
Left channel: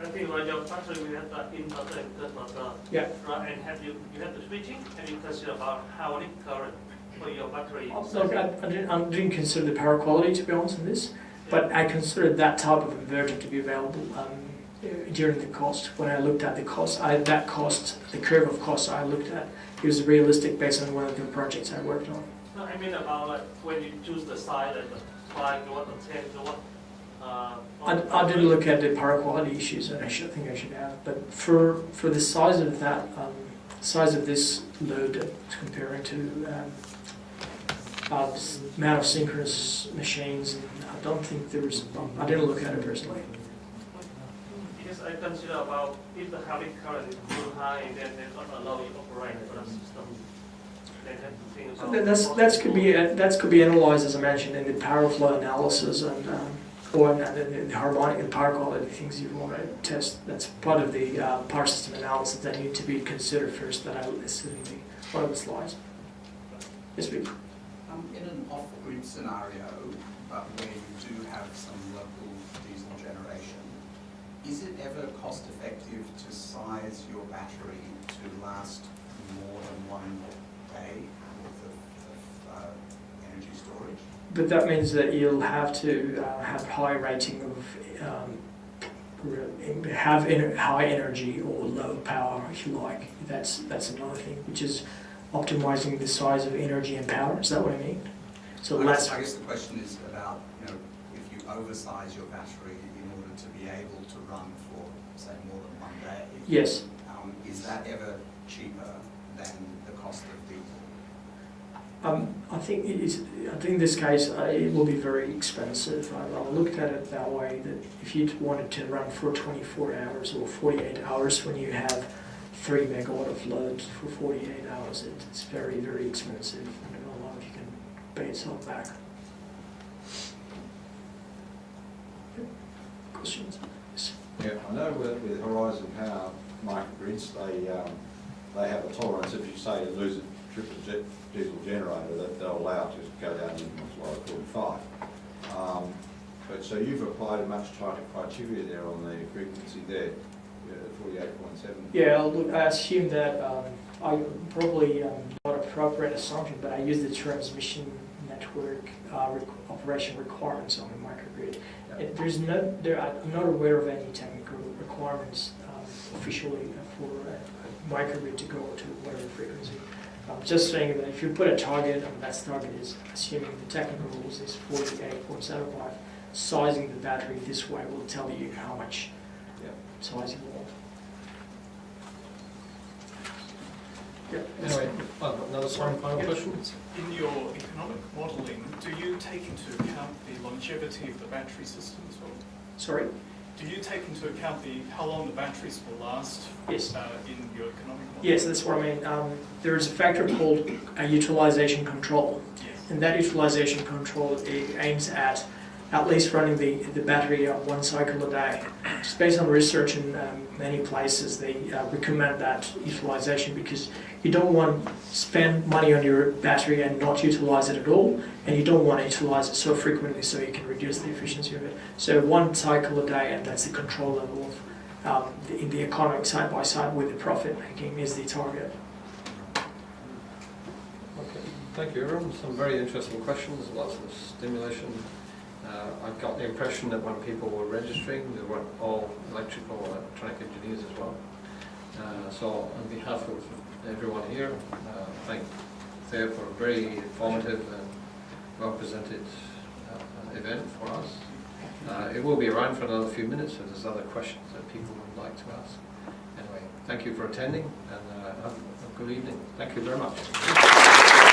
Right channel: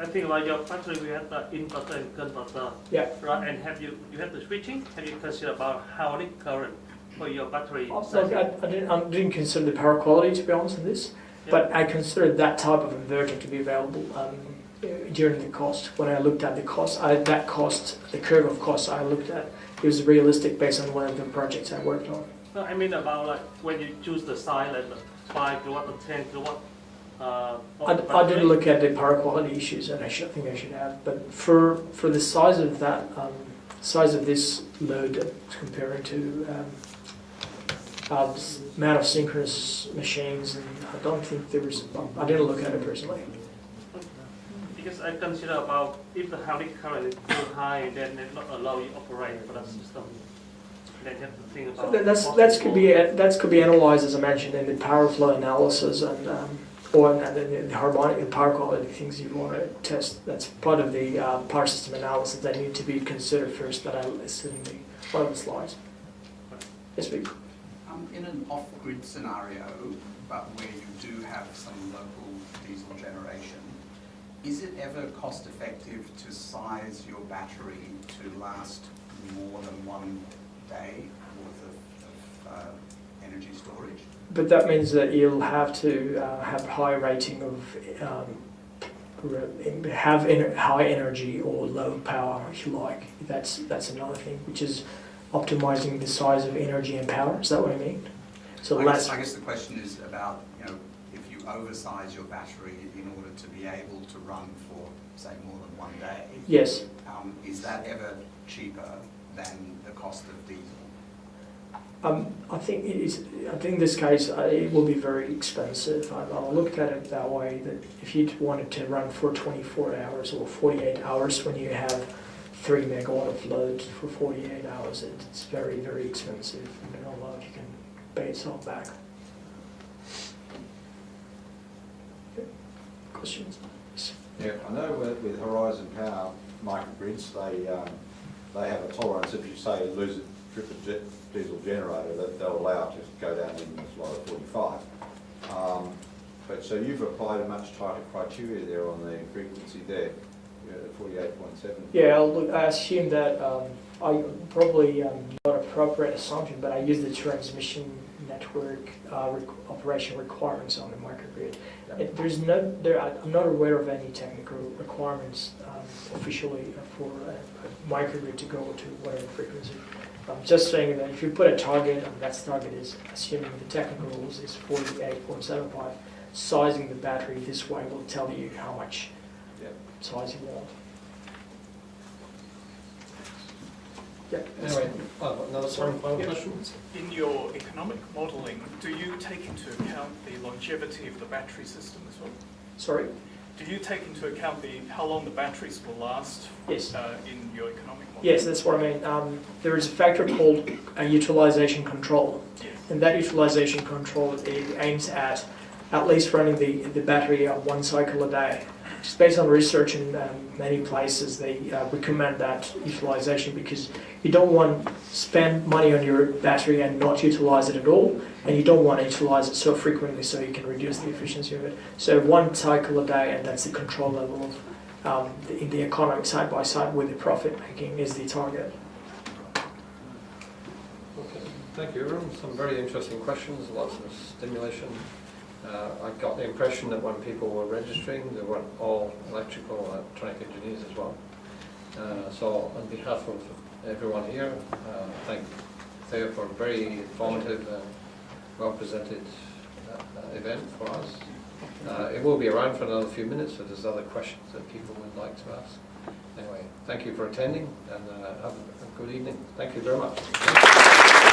I think like your battery we have the inverter and converter, Yeah. right? And have you have the switching? Have you considered about how it current for your battery? Look, I didn't consider the power quality, to be honest, in this, but I considered that type of inverter to be available during the cost. When I looked at the cost, the curve of costs I looked at, it was realistic based on one of the projects I worked on. No, I mean about like when you choose the size, like the 5 kilowatt and 10 kilowatt. I didn't look at the power quality issues, and I think I should have. But for the size of that, size of this load comparing to amount of synchronous machines, and I don't think there was. I didn't look at it personally. Because I consider about if the having current is too high, then they not allow you operate for that system. Then have to think about That could be analyzed, as I mentioned, in the power flow analysis and the harmonic and power quality things you want to test. That's part of the power system analysis that need to be considered first. That I listed in one of the slides. Yes, please. In an off-grid scenario, but where you do have some local diesel generation, is it ever cost-effective to size your battery to last more than one day worth of energy storage? But that means that you'll have to have high rating of high energy or low power, if you like. That's another thing, which is optimizing the size of energy and power. Is that what I mean? So I guess the question is about, if you oversize your battery in order to be able to run for, say, more than one day. Yes. Is that ever cheaper than the cost of diesel? I think it is. I think in this case it will be very expensive. I looked at it that way, that if you wanted to run for 24 hours or 48 hours when you have 3 megawatt of load for 48 hours, it's very, very expensive. I don't know if you can pay itself back. Okay. Questions? Yes. Yeah, I know with Horizon Power microgrids, they have a tolerance. If you say you lose a diesel generator, that they'll allow it to go down even as low as 45. But so you've applied a much tighter criteria there on the frequency there, at 48.7. Yeah, look, I assume that I probably not appropriate assumption, but I use the transmission network operation requirements on the microgrid. Yep. I'm not aware of any technical requirements officially for a microgrid to go to whatever frequency. I'm just saying that if you put a target, and that target is assuming the technical rules is 48.75, sizing the battery this way will tell you how much size you want. Yep. Anyway, another final question? In your economic modelling, do you take into account the longevity of the battery system as well? Sorry? Do you take into account how long the batteries will last Yes. in your economic modelling? Yes, that's what I mean. There is a factor called utilization control, and that utilization control it aims at least running the battery one cycle a day. Just based on research in many places, they recommend that utilization because you don't want to spend money on your battery and not utilize it at all, and you don't want to utilize it so frequently so you can reduce the efficiency of it. So one cycle a day, and that's the control level of in the economic side by side with the profit making is the target. Okay, thank you everyone. Some very interesting questions, lots of stimulation. I got the impression that when people were registering, they weren't all electrical or electronic engineers as well. So on behalf of everyone here, thank Theo for a very informative and well-presented event for us. It will be around for another few minutes if there's other questions that people would like to ask. Anyway, thank you for attending and have a good evening. Thank you very much.